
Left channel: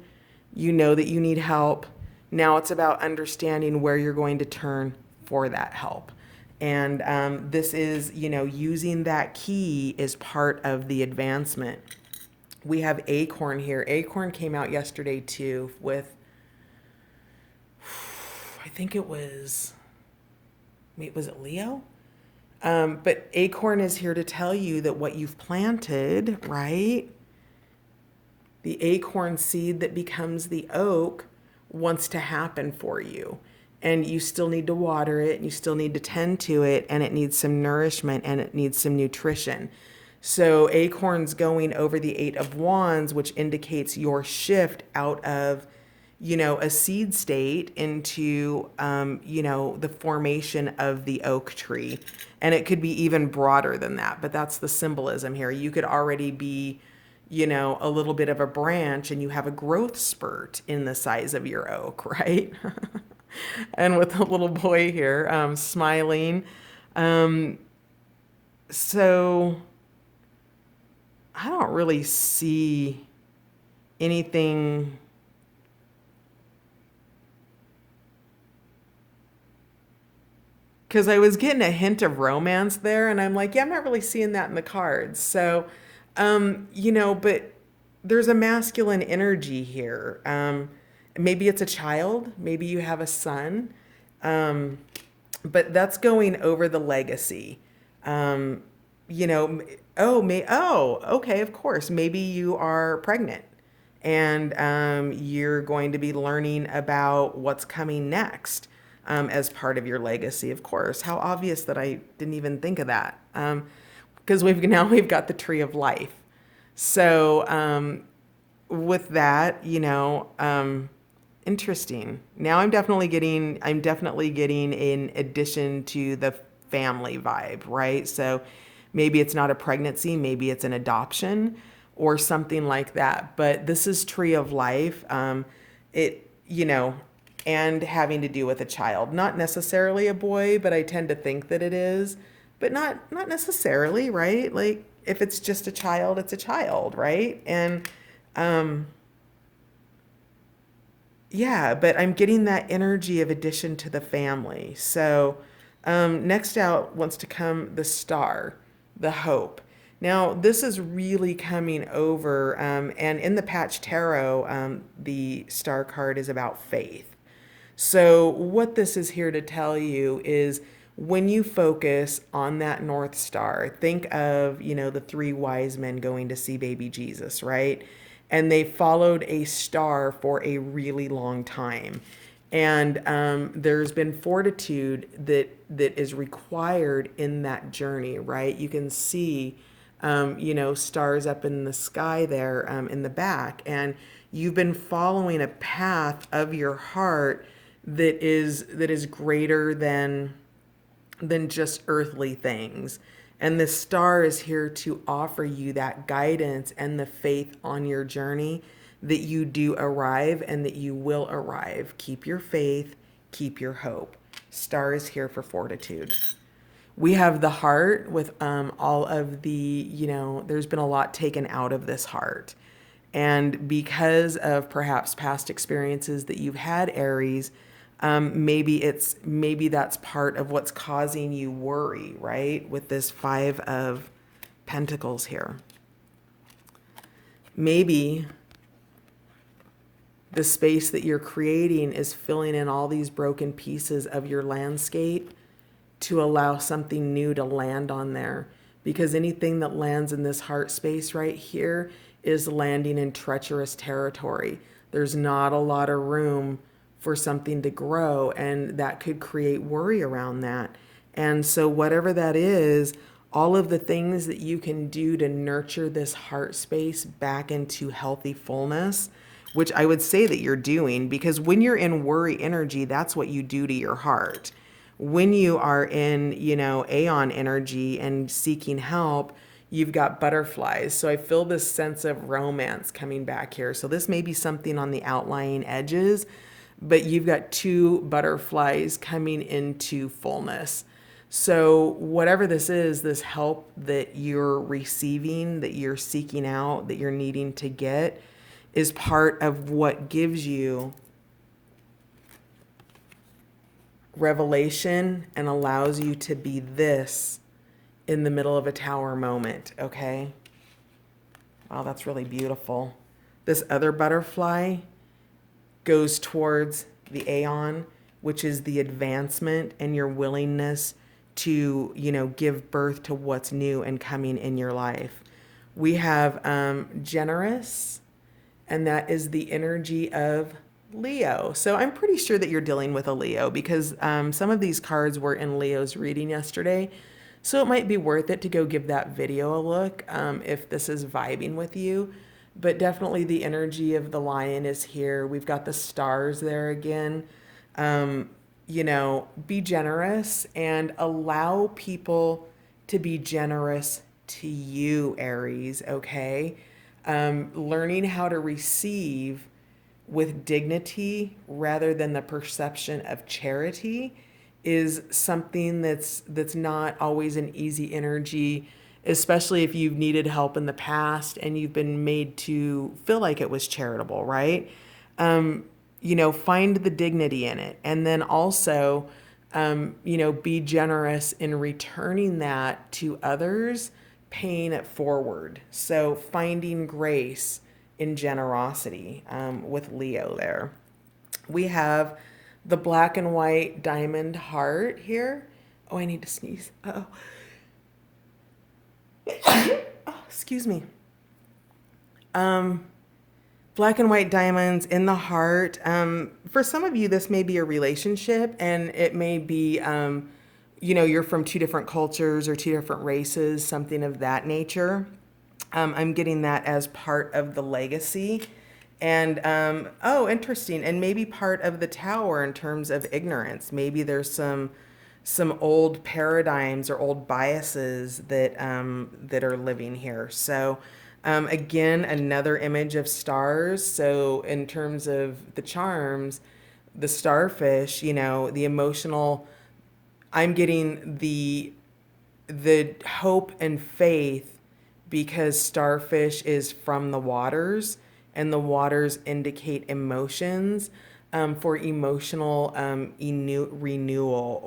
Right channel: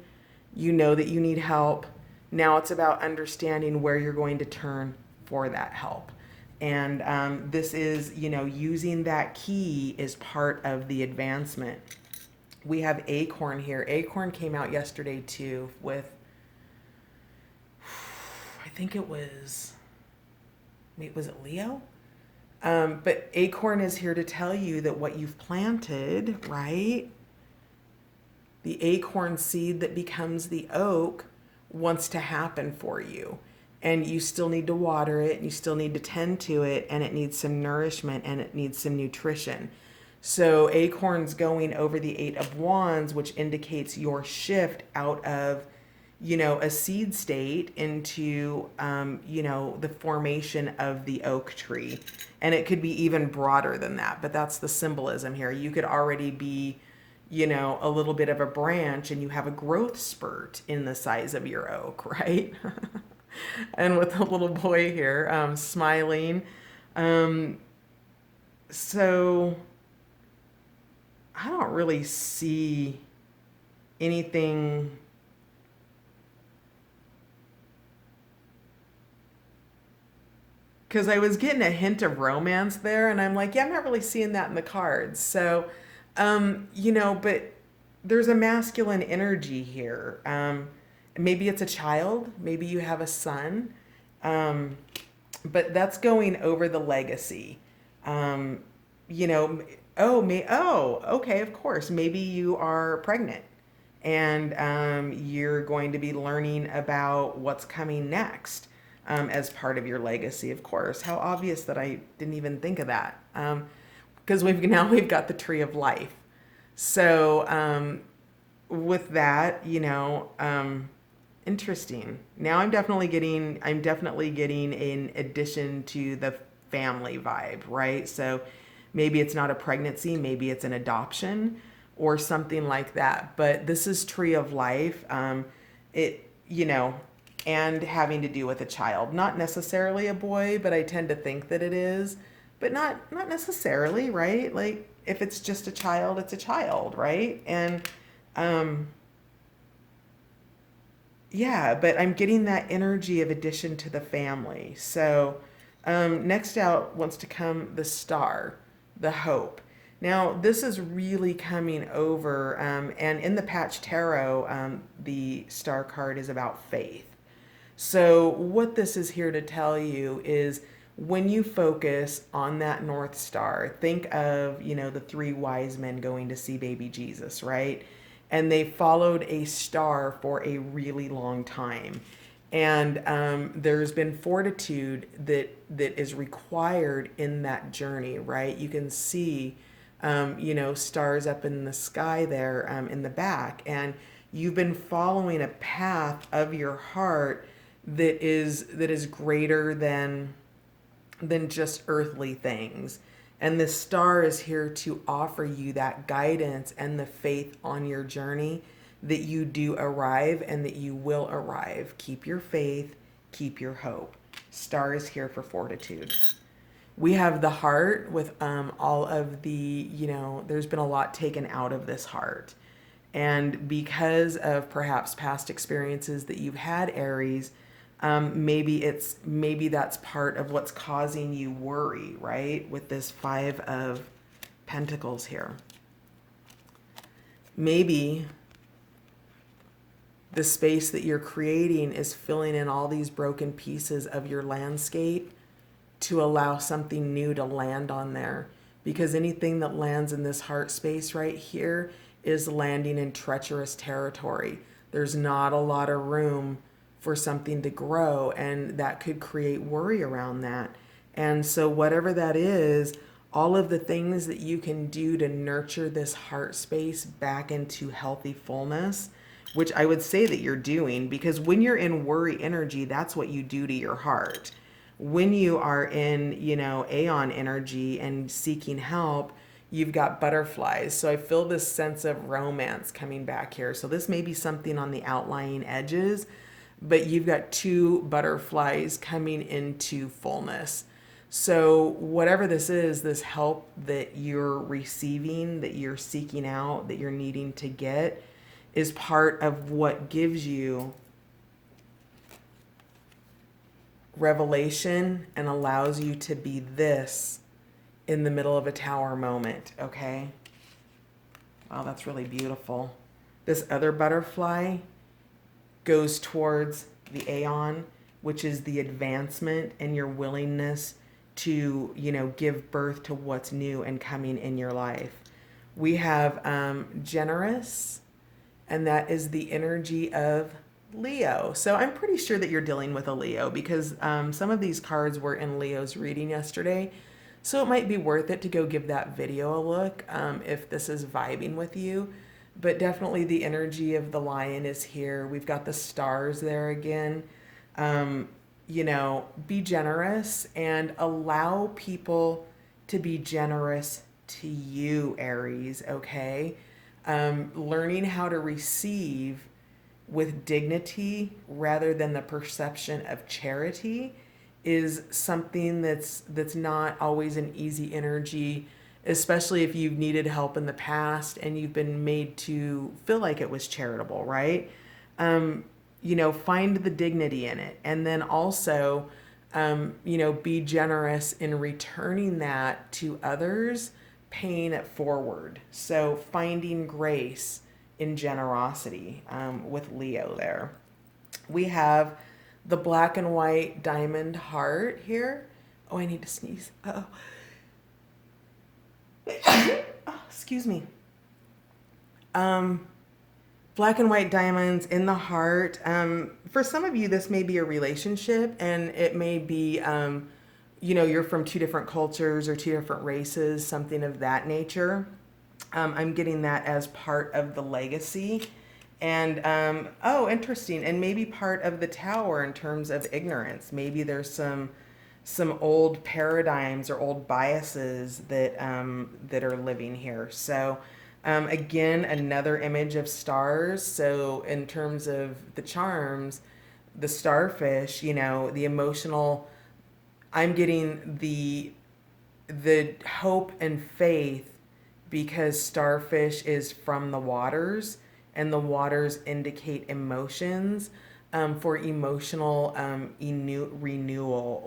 you know that you need help. Now it's about understanding where you're going to turn for that help. And this is, using that key is part of the advancement. We have Acorn here. Acorn came out yesterday too with, I think was it Leo? But Acorn is here to tell you that what you've planted, right? The acorn seed that becomes the oak wants to happen for you. And you still need to water it, and you still need to tend to it, and it needs some nourishment and it needs some nutrition. So Acorn's going over the Eight of Wands, which indicates your shift out of, a seed state into, the formation of the oak tree. And it could be even broader than that, but that's the symbolism here. You could already be, a little bit of a branch and you have a growth spurt in the size of your oak, right? And with the little boy here smiling. Um, so I don't really see anything. Because I was getting a hint of romance there, and I'm like, yeah, I'm not really seeing that in the cards. So, but there's a masculine energy here. Maybe it's a child, maybe you have a son, um, but that's going over the legacy. Um, you know, okay, of course, maybe you are pregnant and you're going to be learning about what's coming next as part of your legacy. Of course, how obvious that I didn't even think of that. Because we've got the tree of life. So with that, interesting. Now I'm definitely getting in addition to the family vibe, right? So maybe it's not a pregnancy, maybe it's an adoption or something like that. But this is tree of life. It, and having to do with a child, not necessarily a boy, but I tend to think that it is, but not necessarily, right? Like if it's just a child, it's a child, right? And um yeah, but I'm getting that energy of addition to the family. So next out wants to come the star, the hope. Now, this is really coming over, and in the Patch Tarot, the star card is about faith. So, what this is here to tell you is when you focus on that North Star, think of, the three wise men going to see baby Jesus, right? And they followed a star for a really long time. And there's been fortitude that is required in that journey, right? You can see, stars up in the sky there in the back, and you've been following a path of your heart that is greater than just earthly things. And the star is here to offer you that guidance and the faith on your journey that you do arrive and that you will arrive. Keep your faith, keep your hope. Star is here for fortitude. We have the heart with all of the, there's been a lot taken out of this heart. And because of perhaps past experiences that you've had, Aries, maybe that's part of what's causing you worry, right? With this Five of Pentacles here. Maybe the space that you're creating is filling in all these broken pieces of your landscape to allow something new to land on there. Because anything that lands in this heart space right here is landing in treacherous territory. There's not a lot of room for something to grow, and that could create worry around that. And so, whatever that is, all of the things that you can do to nurture this heart space back into healthy fullness, which I would say that you're doing, because when you're in worry energy, that's what you do to your heart. When you are in, Aeon energy and seeking help, you've got butterflies. So I feel this sense of romance coming back here. So this may be something on the outlying edges, but you've got two butterflies coming into fullness. So whatever this is, this help that you're receiving, that you're seeking out, that you're needing to get, is part of what gives you revelation and allows you to be this in the middle of a tower moment, okay? Oh, that's really beautiful. This other butterfly goes towards the Aeon, which is the advancement and your willingness to, give birth to what's new and coming in your life. We have generous, and that is the energy of Leo. So I'm pretty sure that you're dealing with a Leo because some of these cards were in Leo's reading yesterday. So it might be worth it to go give that video a look if this is vibing with you. But definitely the energy of the lion is here. We've got the stars there again. Be generous and allow people to be generous to you, Aries, okay? Learning how to receive with dignity rather than the perception of charity is something that's not always an easy energy, especially if you've needed help in the past and you've been made to feel like it was charitable, right? um, find the dignity in it, and then also be generous in returning that to others, paying it forward. So finding grace in generosity, with Leo there. We have the black and white diamond heart here. Oh, I need to sneeze. Oh, excuse me. Um, Black and white diamonds in the heart. For some of you, this may be a relationship, and it may be, you're from two different cultures or two different races, something of that nature. I'm getting that as part of the legacy. And oh, interesting. And maybe part of the tower in terms of ignorance. Maybe there's some old paradigms or old biases that are living here. So again, another image of stars. So in terms of the charms, the starfish, the emotional. I'm getting the hope and faith, because starfish is from the waters, and the waters indicate emotions, for emotional renewal,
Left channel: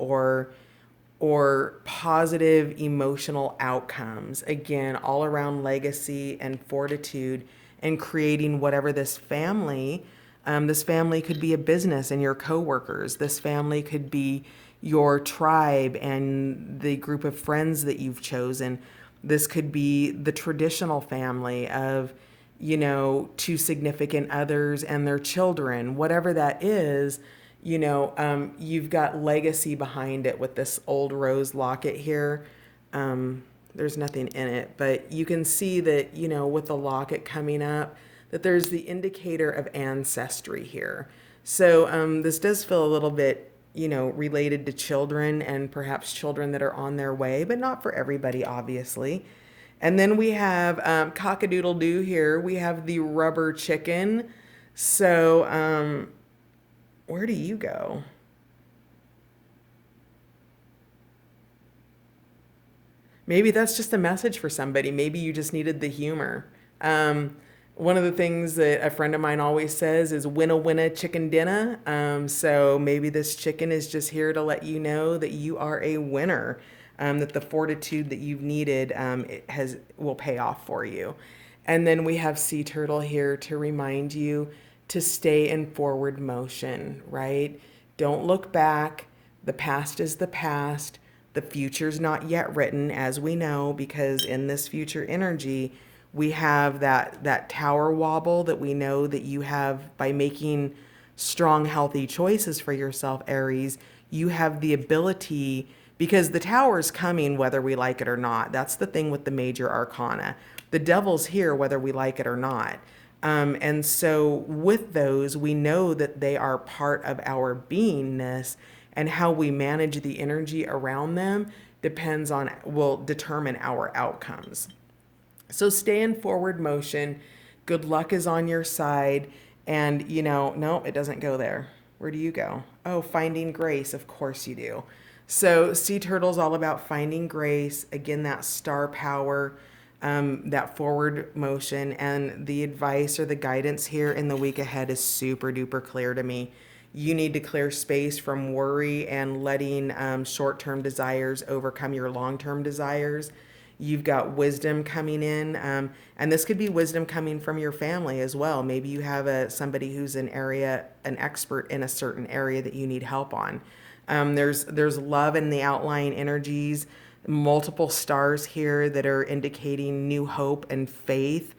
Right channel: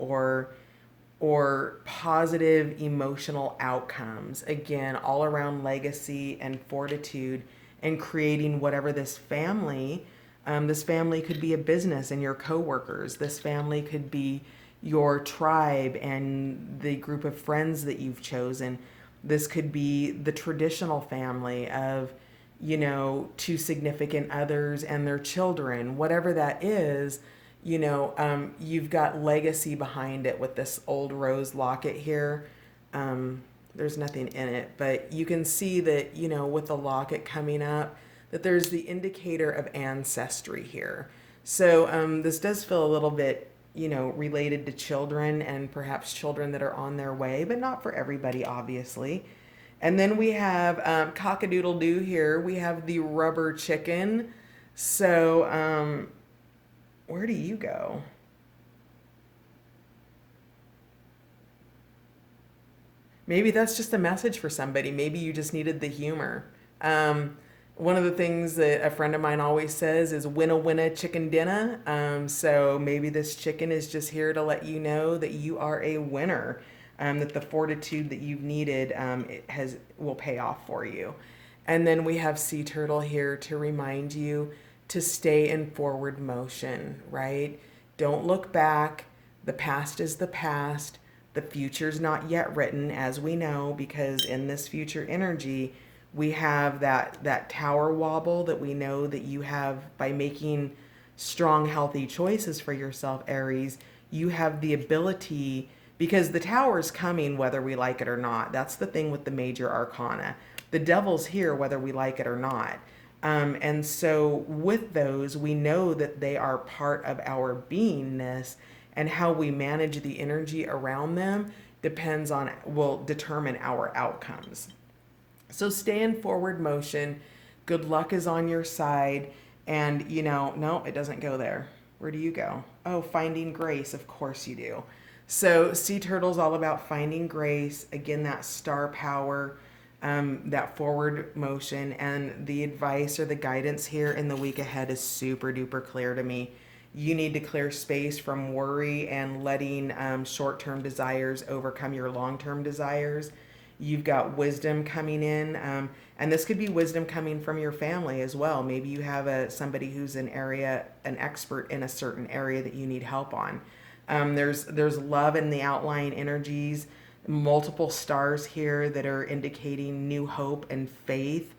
or positive emotional outcomes. Again, all around legacy and fortitude, and creating whatever this family could be a business and your coworkers. This family could be your tribe and the group of friends that you've chosen. This could be the traditional family of, two significant others and their children, whatever that is. You've got legacy behind it with this old rose locket here. There's nothing in it, but you can see that, with the locket coming up, that there's the indicator of ancestry here. So this does feel a little bit, related to children, and perhaps children that are on their way, but not for everybody, obviously. And then we have cock-a-doodle doo here. We have the rubber chicken. So where do you go? Maybe that's just a message for somebody. Maybe you just needed the humor. One of the things that a friend of mine always says is winna winna chicken dinner. So maybe this chicken is just here to let you know that you are a winner, that the fortitude that you've needed, it will pay off for you. And then we have sea turtle here to remind you to stay in forward motion, right? Don't look back. The past is the past. The future's not yet written, as we know, because in this future energy, we have that tower wobble that we know that you have by making strong, healthy choices for yourself, Aries. You have the ability, because the tower's coming whether we like it or not. That's the thing with the major arcana. The devil's here whether we like it or not. And so with those, we know that they are part of our beingness, and how we manage the energy around them will determine our outcomes. So stay in forward motion. Good luck is on your side. And, no, it doesn't go there. Where do you go? Oh, finding grace. Of course you do. So sea turtle's all about finding grace. Again, that star power, that forward motion. And the advice or the guidance here in the week ahead is super duper clear to me. You need to clear space from worry and letting short-term desires overcome your long-term desires. You've got wisdom coming in, and this could be wisdom coming from your family as well. Maybe you have somebody who's an expert in a certain area that you need help on. There's love in the outlying energies, multiple stars here that are indicating new hope and faith,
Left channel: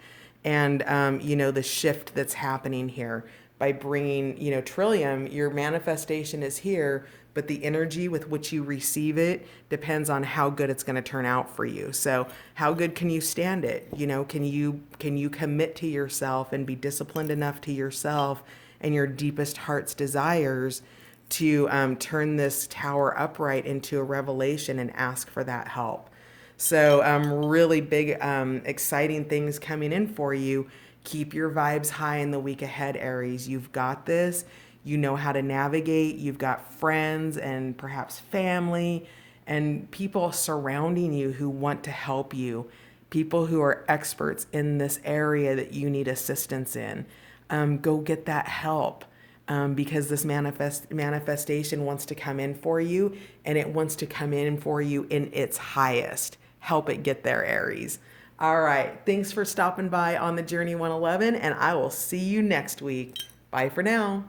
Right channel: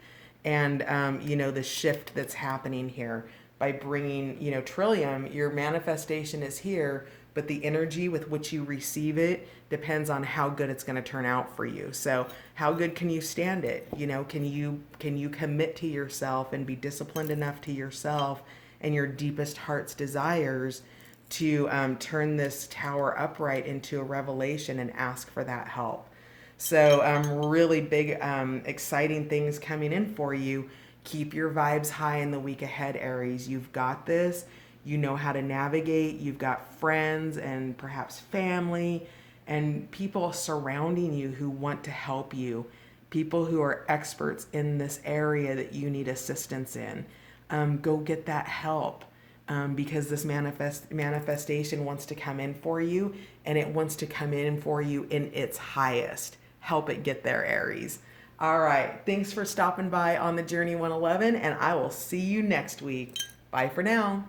and the shift that's happening here by bringing, Trillium. Your manifestation is here, but the energy with which you receive it depends on how good it's going to turn out for you. So how good can you stand it? Can you commit to yourself and be disciplined enough to yourself and your deepest heart's desires to turn this tower upright into a revelation and ask for that help? So, really big, exciting things coming in for you. Keep your vibes high in the week ahead, Aries. You've got this. You know how to navigate. You've got friends and perhaps family and people surrounding you who want to help you, people who are experts in this area that you need assistance in. Go get that help. Because this manifestation wants to come in for you, and it wants to come in for you in its highest. Help it get there, Aries. All right. Thanks for stopping by on the Journey 111, and I will see you next week. Bye for now.